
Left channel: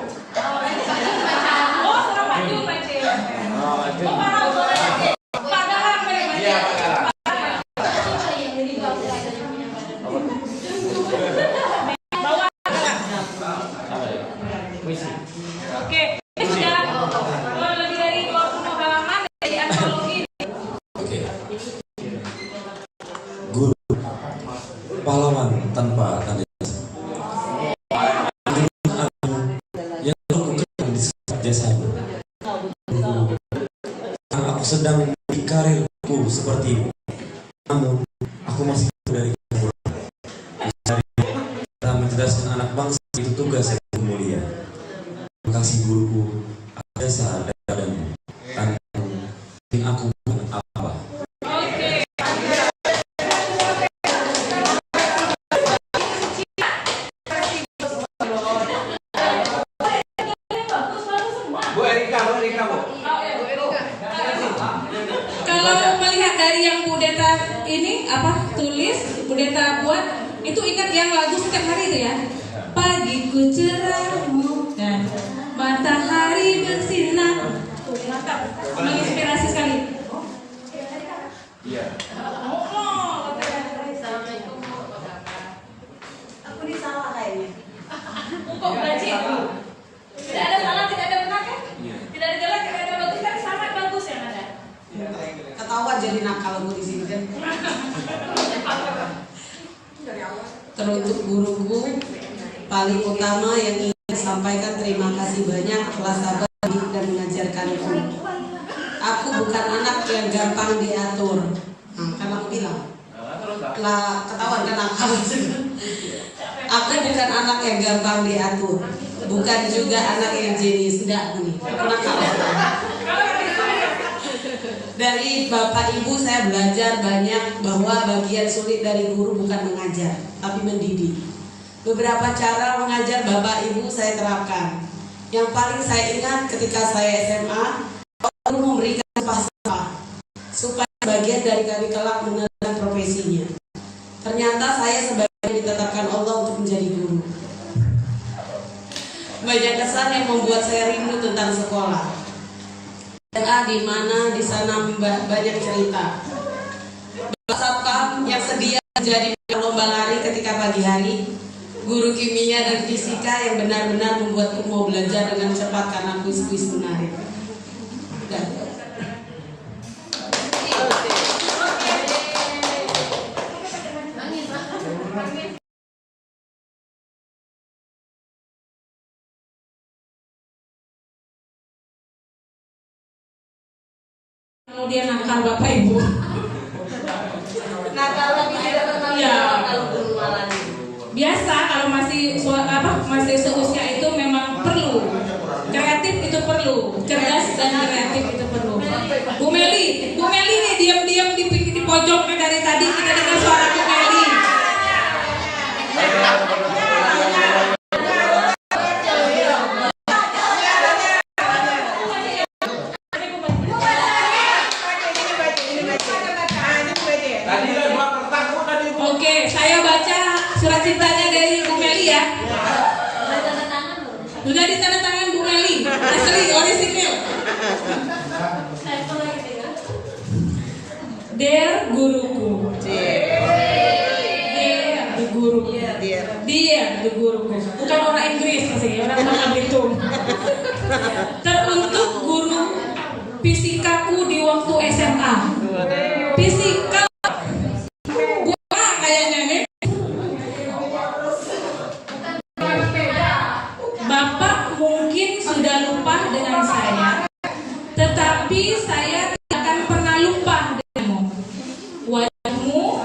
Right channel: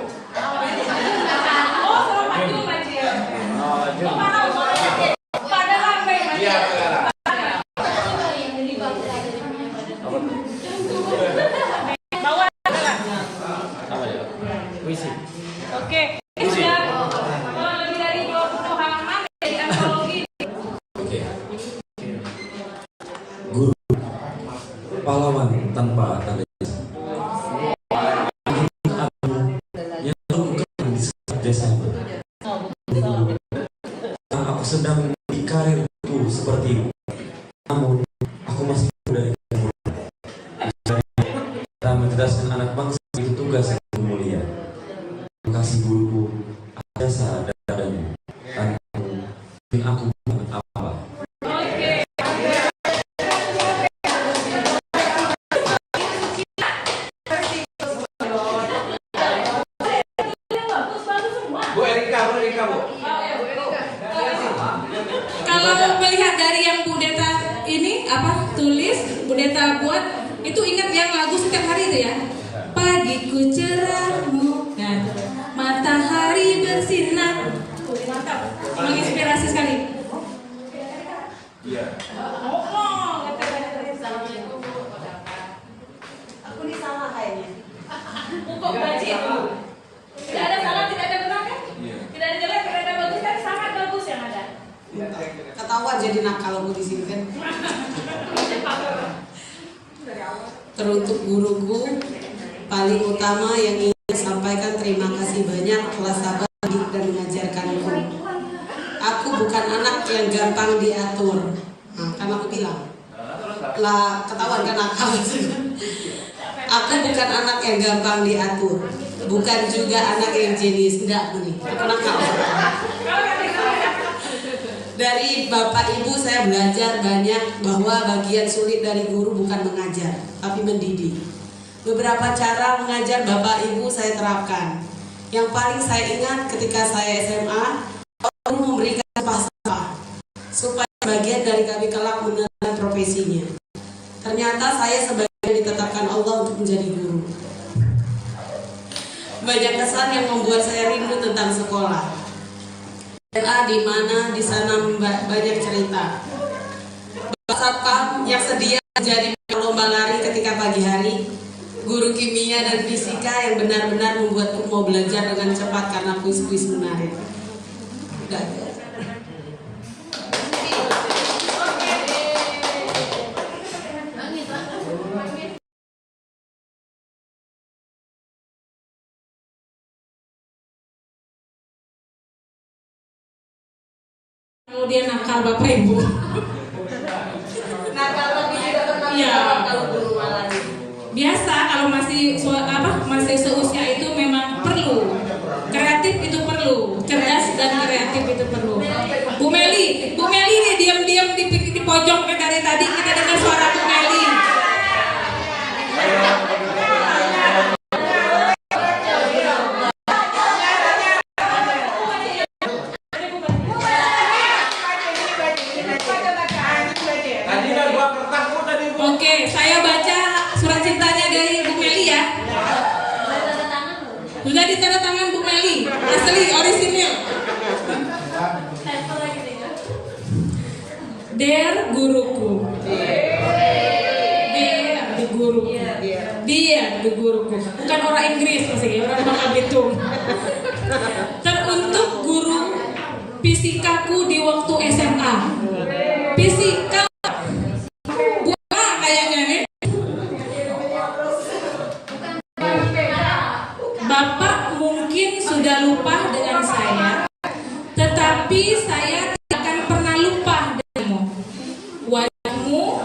Oh, suara Pak Jun baca. Oh, Pak Raul suaranya. Padahal apa yang baca? Iya, Pak. Bawa. Oke, ini sudah lebih dari 20 halaman dari antologi. Oke. Guru pahlawan tanpa tanda yang lakukan di setiap jasanya. Aku sedang di karirku seperti itu, namun aku masih dari kita mencerdaskan anak bangsa itu tugas yang mulia. Terima kasih guruku, jasa dan aku bukan apa. Bu Erika, Bu. Kalau melihat dari yang Bu Deta ini tulis, Bu Deta buat, itu ingat yang lagu setiap hari itu ya. Pagiku cerah bukan, matahari bersinar. Mantap, menginspirasi sekali. Iya. Aku ini salah kayaknya. Kok baca? Tidak ada salah, tidak ada benar kan? Tidak ada jelek, tidak ada bagus kan? Sangat bagus yang ada. Ketahuan jadi nakal di sini kan. Teruntuk guruku paling utama yang ingin sampaikan terima kasih banyak telah sabar dan mengajarkanku. Aku bukan anak yang gampang diatur. Kan aku bilang lah ketahuan kan nakal. Aku bukan anak yang gampang diatur, bukan juga anak yang jenis enggak nih. Aku nakal. Dari Bapak Ibu saya belajar banyak bahwa bagian sulit dari guru bukan mengajar, tapi mendidik. Beberapa cara mengajar Bapak Ibu saya terapkan. Yang paling saya ingat ketika saya SMA, guru memberikan falsafah supaya bagian dari kami kelak menerapkan profesinya. Ternyata saya sebagian ditetapkan Allah untuk menjadi guru. Banyak kesan yang membuat saya rindu tentang sekolah. Di mana di sana banyak cerita. Bapak Satpam yang sedia menjadi lomba lari ketika pagi hari, guru kimia dan fisika yang benar-benar membuatku mau belajar dengan cepat karena kuis-kuis menarik. Kemudian nakal Bapak Ibu. Nakal lebih tidak pernah kalau guru malah. Biasa kalau masih pojok dari tadi kita dengar suara Bu Meli. Oke, saya baca surat cintanya dari Bu Meli ya. Sudah ditanda tangan Bu Meli, asli orisinil. Dear guruku, dear the guru, dear the guruku, bukan orang Inggris sih, orang Bangka Belitung. Teruntuk guru fisikaku di waktu SMA. Fisika bukan kayaknya nih. Bapak mungkin sudah lupa dengan saya, tetapi saya tidak akan pernah lupa denganmu. Wajahmu,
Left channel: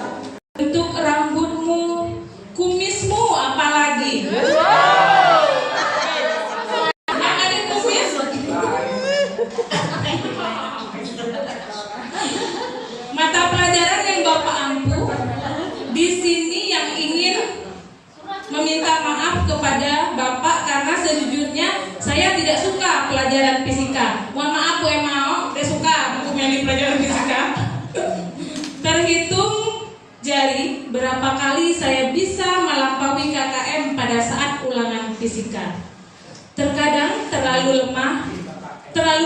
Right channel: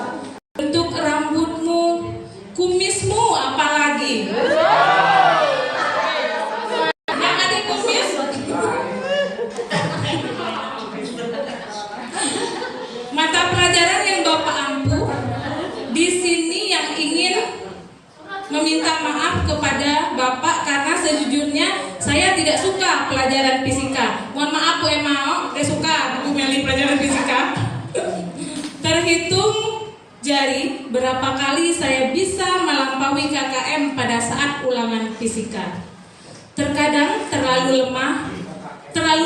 bentuk rambutmu, kumismu, apalagi. Yang ada kumis. Mata pelajaran yang Bapak ampuh. Di sini yang ingin meminta maaf kepada Bapak karena sejujurnya saya tidak suka pelajaran fisika. Mohon maaf Bu Emao, tidak suka aku milih pelajaran fisika. Terhitung jari berapa kali saya bisa melampaui KKM pada saat ulangan fisika. Terkadang terlalu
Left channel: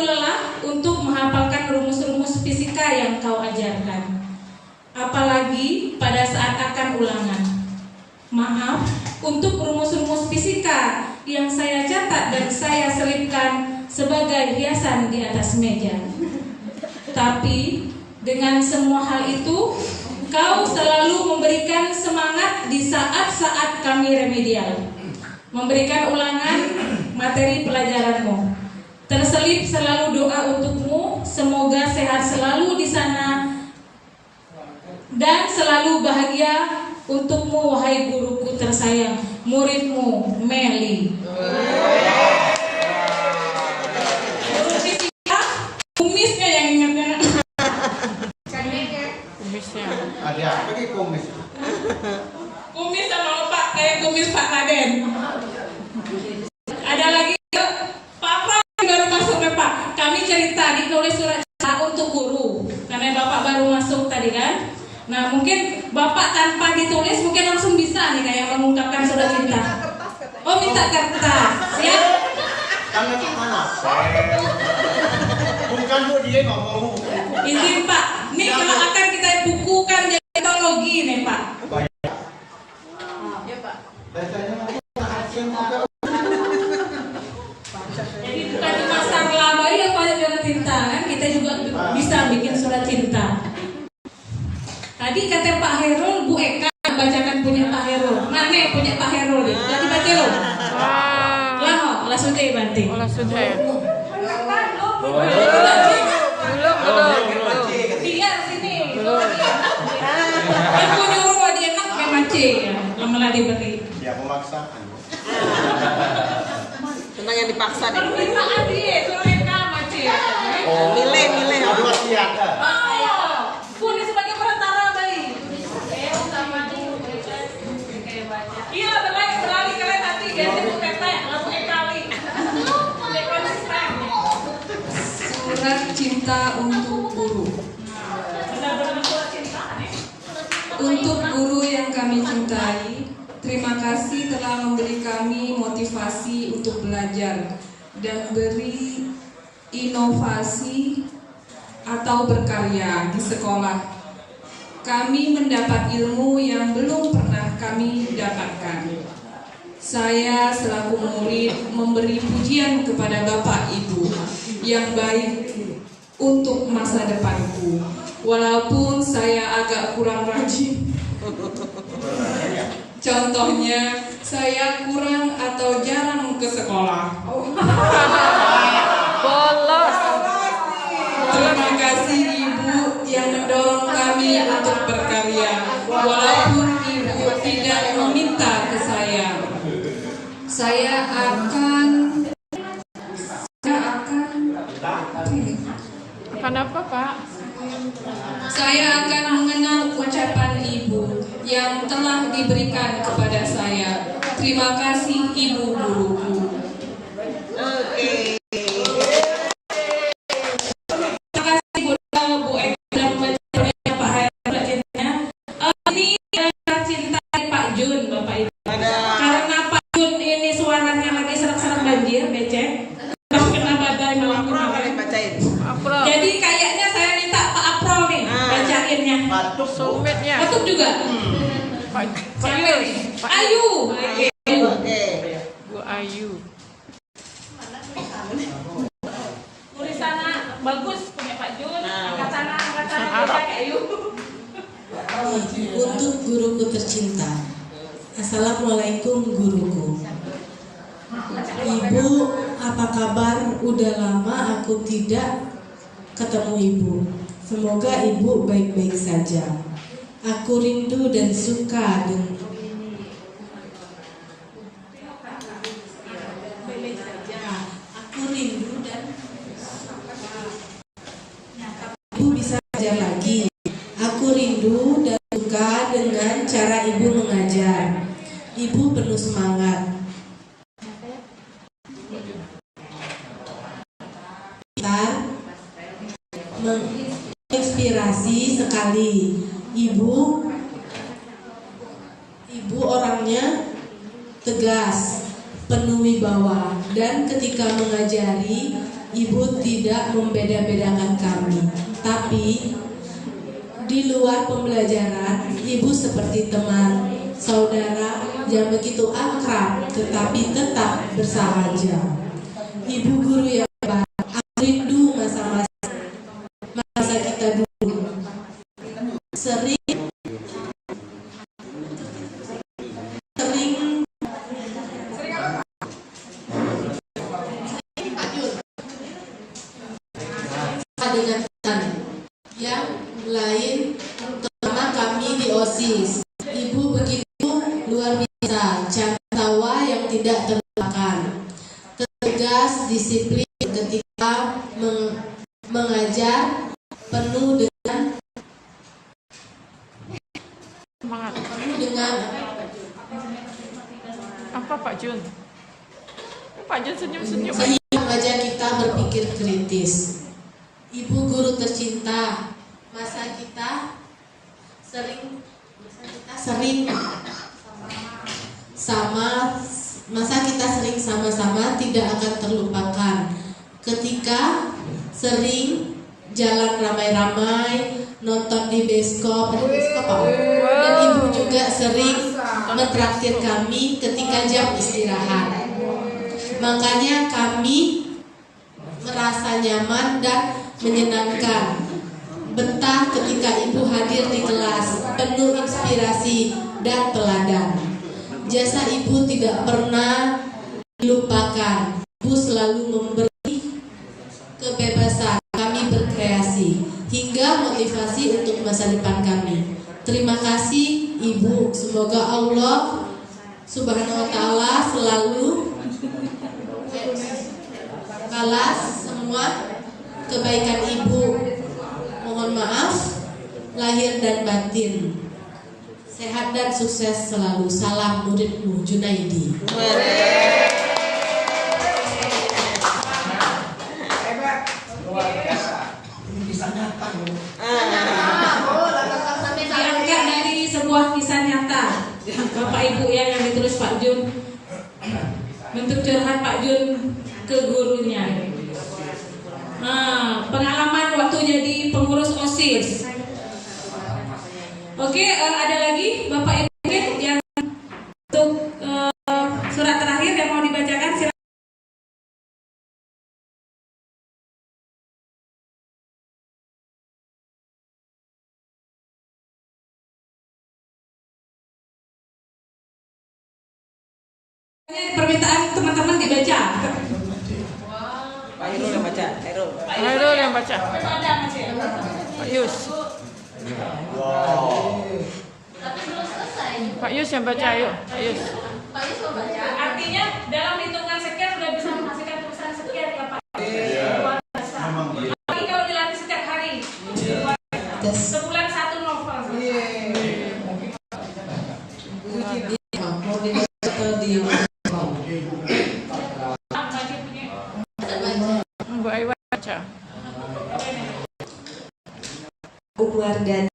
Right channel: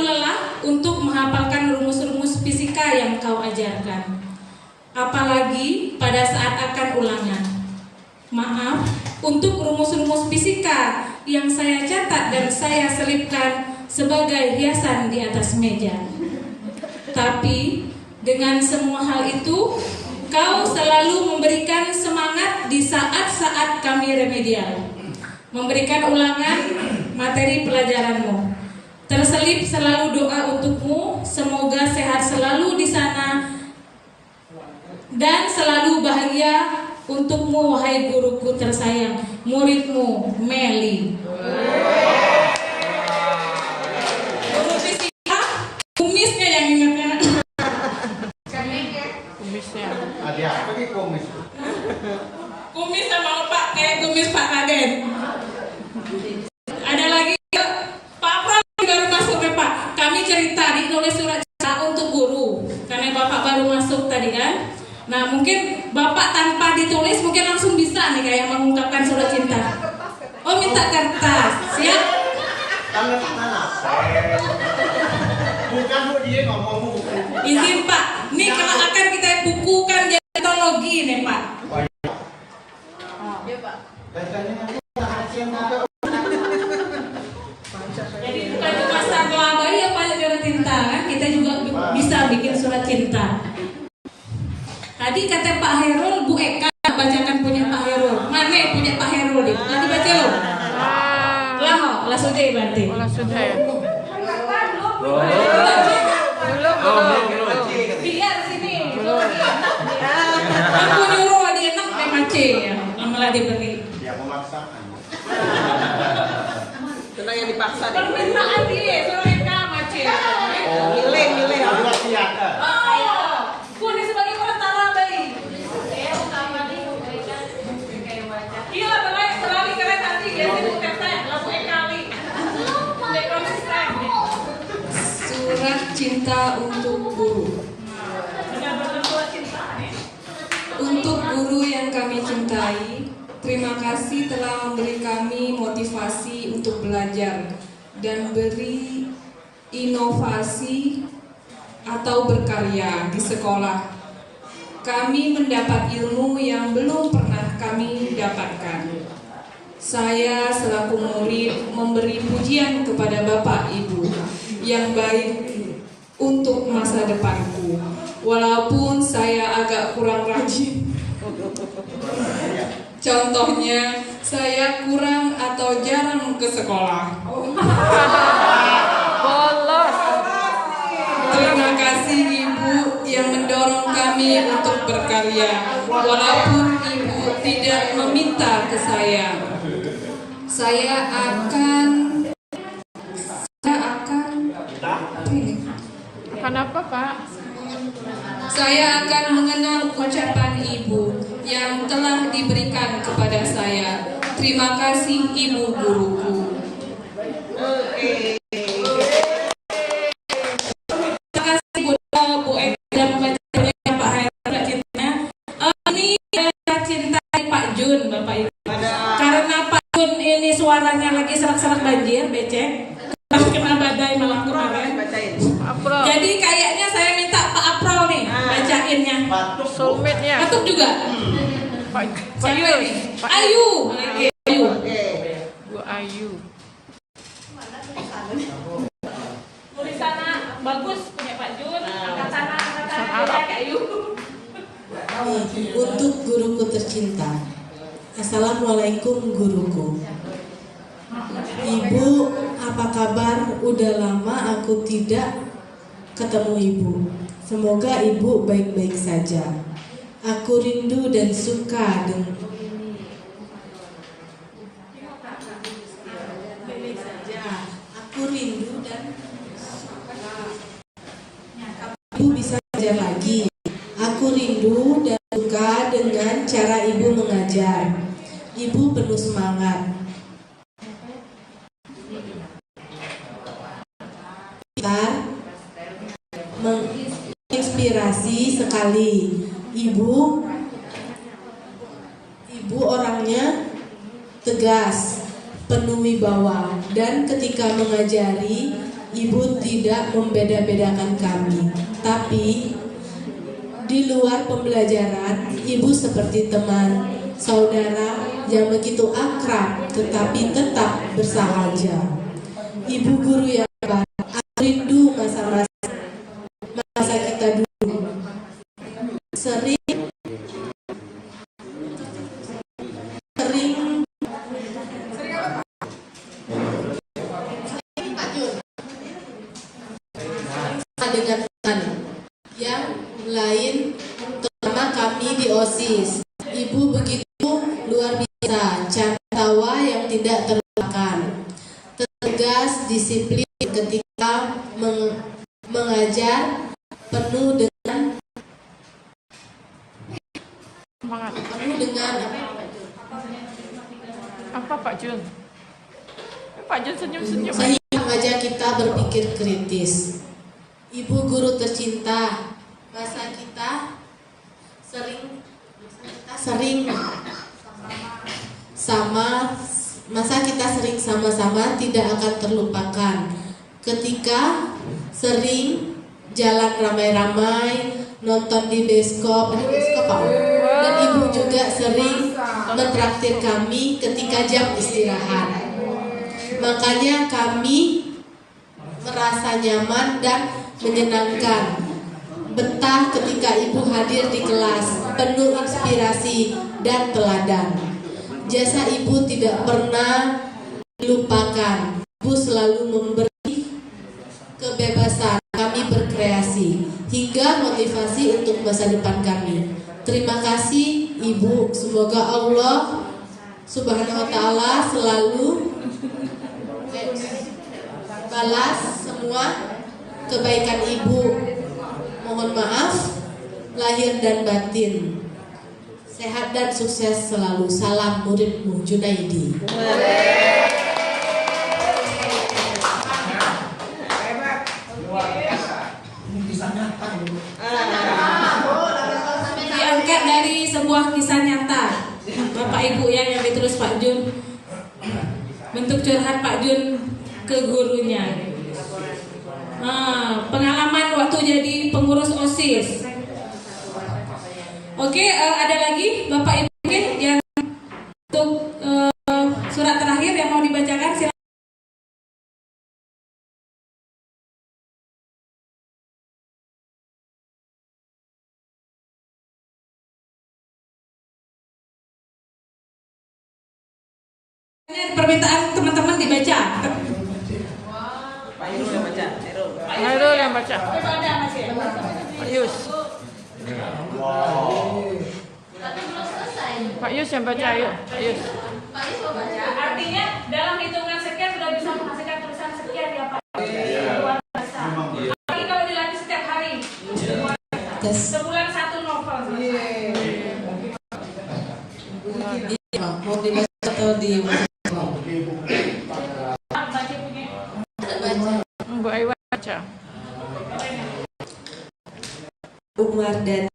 lelah untuk menghafalkan rumus-rumus fisika yang kau ajarkan. Apalagi pada saat akan ulangan. Maaf untuk rumus-rumus fisika yang saya catat dan saya selipkan sebagai hiasan di atas meja. Tapi dengan semua hal itu, kau selalu memberikan semangat di saat-saat kami remedial, memberikan ulangan materi pelajaranmu. Terselip selalu doa untukmu, semoga sehat selalu di sana dan selalu bahagia untukmu wahai guruku tersayang, muridmu Meli. Guru fisika, kumisnya yang ingatnya. Kumisnya. Ada apa nih kumis? Kumis sama Pak, kayak kumis Pak Raden. Ada lagi Pak Pras baru masuk ya Pak. Kami cerita ditulis surat cinta untuk guru, karena Bapak baru masuk tadi kan. Nah mungkin Bapak tanpa ditulis mungkin langsung bisa nih kayak mengungkapkan surat cinta. Oh minta kertas, siap? Tangan mana? Bukan bu dia ngomong. Izin Pak, nih kalau akan kita bukukan jadi teknologi nih Pak. Ya Pak. Jadi bukan cuma sarlaba ya Pak surat cinta kan, kita juga bisa bikin surat cinta. Tadi kata Pak Herul, Bu Eka bacakan punya Pak Herul. Mana punya Pak Herul nih? Tadi baca lo? Lah sudah berarti. Olah sudah ya. Belum. Lihat sini. Belum. Aku nyuruh aja enak memang C ya, yang malah diberi. Ya memaksakan. Tenang yang dipaksa nih. Permintaan dia, suruh Eka sama C. Milih. Tapi masih ada. Pun sebagai perantara baik. Iya berlari kalian tadi jadi bukan saya, lalu ekali. Konsisten. Surat cinta untuk guru. Benar-benar surat cinta nih. Untuk guru yang kami cintai, terima kasih telah memberi kami motivasi untuk belajar dan beri inovasi atau berkarya di sekolah. Kami mendapat ilmu yang belum pernah kami dapatkan. Saya selaku murid memberi pujian kepada Bapak Ibu yang baik untuk masa depanku. Walaupun saya agak kurang rajin. Contohnya, saya kurang atau jarang ke sekolah. Bolos. Terima kasih Ibu yang mendorong kami untuk berkarya, walaupun Ibu tidak meminta ke saya. Saya akan Akan apa Pak? Saya akan mengenal ucapan ibu yang telah diberikan kepada saya. Terima kasih ibu guruku. Terima kasih Bu Eka dan Pak Hairul. Ini cinta Pak Jun, Bapak Ibu. Karena Pak Jun ini suaranya lagi serak-serak banjir, becek. Kena badai malam kemarin. Jadi kayaknya saya minta Pak Aprol nih bacainnya. Batuk juga. Cewek nih. Ayu. Bu Ayu. Tulisannya bagus punya Pak Jun. Angkatan Arab. Ayu. Untuk guruku tercinta. Assalamualaikum guruku. Ibu, apa kabar? Udah lama aku tidak ketemu ibu. Semoga ibu baik-baik saja. Aku rindu dan suka dengan aku rindu dan ibu bisa belajar lagi. Aku rindu dan suka dengan cara ibu mengajar. Ibu penuh semangat. Menginspirasi sekali. Ibu orangnya tegas, penuh wibawa, dan ketika mengajari, ibu tidak membeda-bedakan kami. Tapi di luar pembelajaran, ibu seperti teman, saudara yang begitu akrab, tetapi tetap bersahaja. Ibu guru yang baik. Aku rindu masa kita dulu. Sering dengan teman yang lain, terutama kami di OSIS. Ibu begitu luar biasa, cara tawa yang tidak terlupakan, tegas, disiplin ketika mengajar, penuh dengan Semangat. penuh dengan Apa Pak Jun? Pak Jun senyum-senyum. sehingga mengajak kita berpikir kritis. Ibu guru tercinta, masa kita sering sama-sama tidak akan terlupakan. Ketika sering jalan ramai-ramai, nonton di bioskop, dan ibu juga sering mentraktir kami ketika jam istirahat. Makanya kami merasa nyaman dan menyenangkan. Betah ketika ibu hadir di kelas, penuh inspirasi dan teladan. Jasa ibu tidak pernah dilupakan. Ibu selalu memberi kebebasan kami berkreasi hingga motivasi untuk masa depan kami. Terima kasih ibu. Semoga Allah Subhanahu wa ta'ala selalu balas semua kebaikan ibu. Mohon maaf lahir dan batin. Sehat dan sukses selalu. Salam muridmu Junaidi. Diangkat dari sebuah kisah nyata. Bapak Ibu yang ditulis Pak Jun. Bentuk curhat Pak Jun ke gurunya. Pengalaman waktu jadi pengurus OSIS. Oke, ada lagi Bapak Ibu yang untuk surat terakhir yang mau dibacakan. Silakan. Permintaan teman-teman dibaca. Hairul yang baca. Pak Yus. Pak Yus yang baca, ayo. Pak Yus. Artinya dalam hitungan sekian sudah bisa menghasilkan tulisan sekian ya Pak. Luar biasa. Apalagi kalau dilatih setiap hari. Luar biasa. Mau dibaca atau di Bu Aiwan baca. Umar dan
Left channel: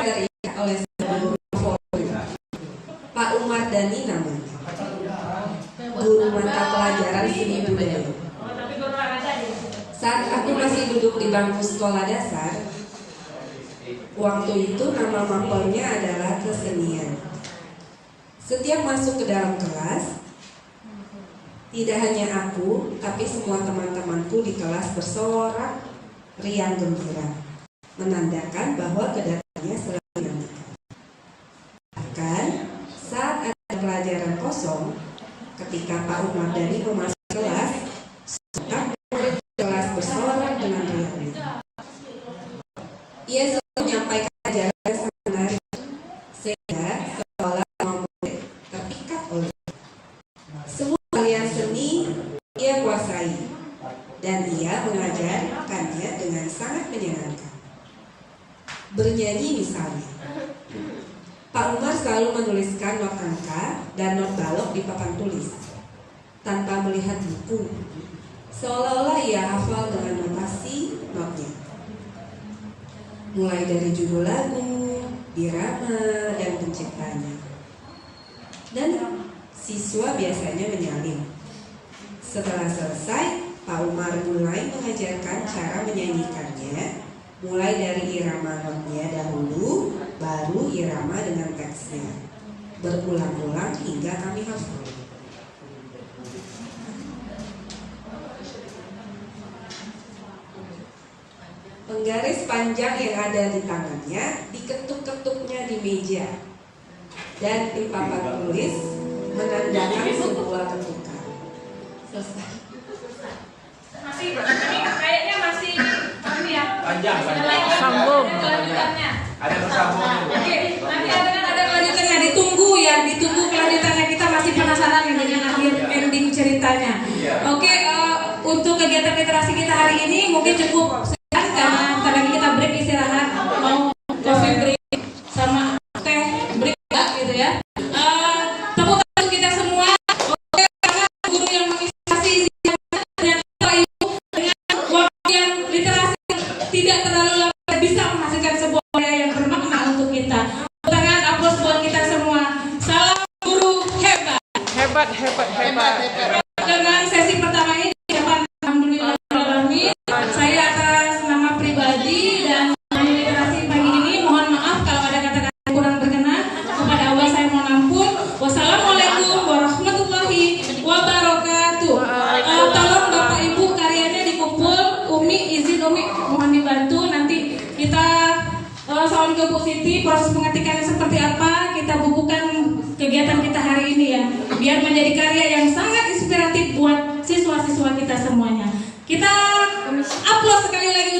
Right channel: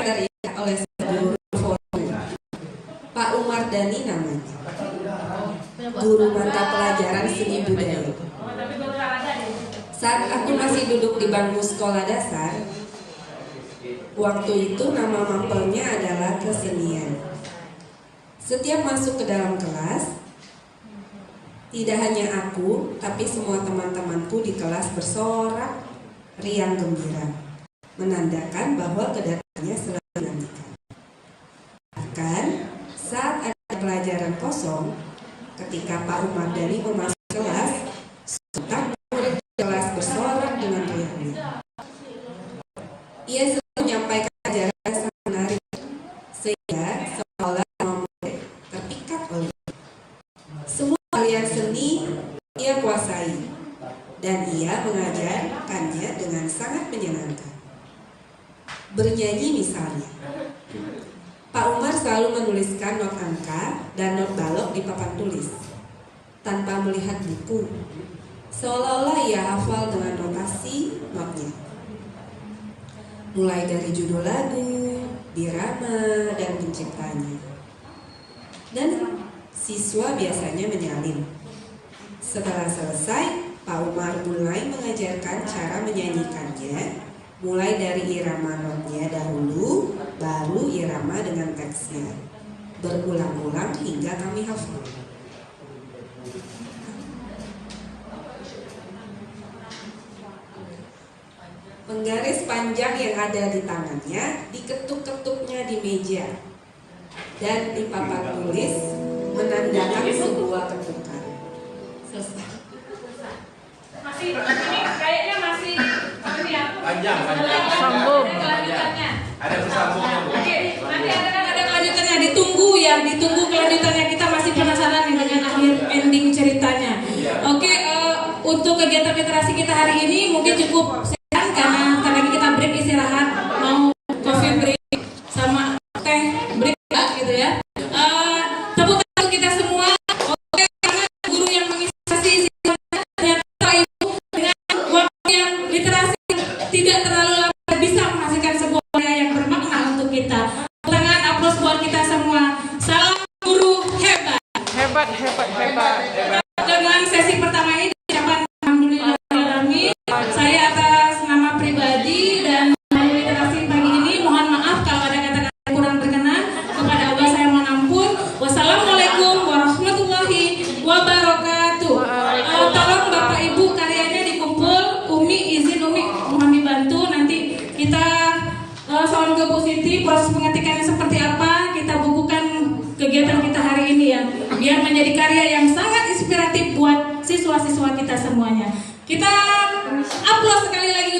teriak oleh seluruh forum. Pak Umar Dhani namanya, guru mata pelajaran seni budaya. Saat aku masih duduk di bangku sekolah dasar, waktu itu nama mapelnya adalah kesenian. Setiap masuk ke dalam kelas, tidak hanya aku, tapi semua teman-temanku di kelas bersorak riang gembira, menandakan bahwa kedatangannya selalu dinantikan. Bahkan saat ada pelajaran kosong, ketika Pak Umar Dhani memasuki kelas, sontak murid kelas bersorak dengan riangnya. Ia selalu menyampaikan ajaran yang sangat menarik, sehingga seolah murid terpikat oleh semua aliran seni ia kuasai, dan ia mengajarkannya dengan sangat menyenangkan. Bernyanyi misalnya, Pak Umar selalu menuliskan not angka dan not balok di papan tulis tanpa melihat buku, seolah-olah ia hafal dengan notasi notnya, mulai dari judul lagu, irama, dan penciptanya. Dan siswa biasanya menyalin. Setelah selesai, Pak Umar mulai mengajarkan cara menyanyikannya, mulai dari irama notnya dahulu, baru irama dengan teksnya, berulang-ulang hingga kami hafal. Penggaris panjang yang ada di tangannya diketuk-ketuknya di meja, dan di papan tulis menandakan sebuah ketukan. Selesai. Masih ini kayaknya masih Panjang. Sambung. Ada kelanjutannya. Ada bersambung. Oke, nanti ada kelanjutannya. Ditunggu kelanjutannya. Kita masih penasaran nih dengan akhir ending ceritanya. Oke, untuk kegiatan literasi kita hari ini mungkin cukup sekian karena sebentar lagi kita break istirahat, mau coffee break sama teh break gitu ya. Tepuk tangan untuk kita semua. Oke, karena guru yang menginspirasi ternyata ibu dengan waktu yang literasi tidak terlalu lama bisa menghasilkan sebuah karya yang bermakna untuk kita. Tangan aplaus buat kita semua. Salam guru hebat. Hebat. Dengan sesi pertama ini alhamdulillah saya atas nama pribadi dan literasi pagi ini mohon maaf kalau ada kata-kata kurang berkenan. Kepada Allah saya mengampun. Wassalamualaikum warahmatullahi wabarakatuh. Tolong Bapak Ibu karyanya dikumpul. Umi izin Umi mohon dibantu nanti kita soal ke Bu Siti proses pengetikannya seperti apa kita bukukan kegiatan kita hari ini ya, biar menjadi karya yang sangat inspiratif buat siswa-siswa kita semuanya. Kita upload sekali lagi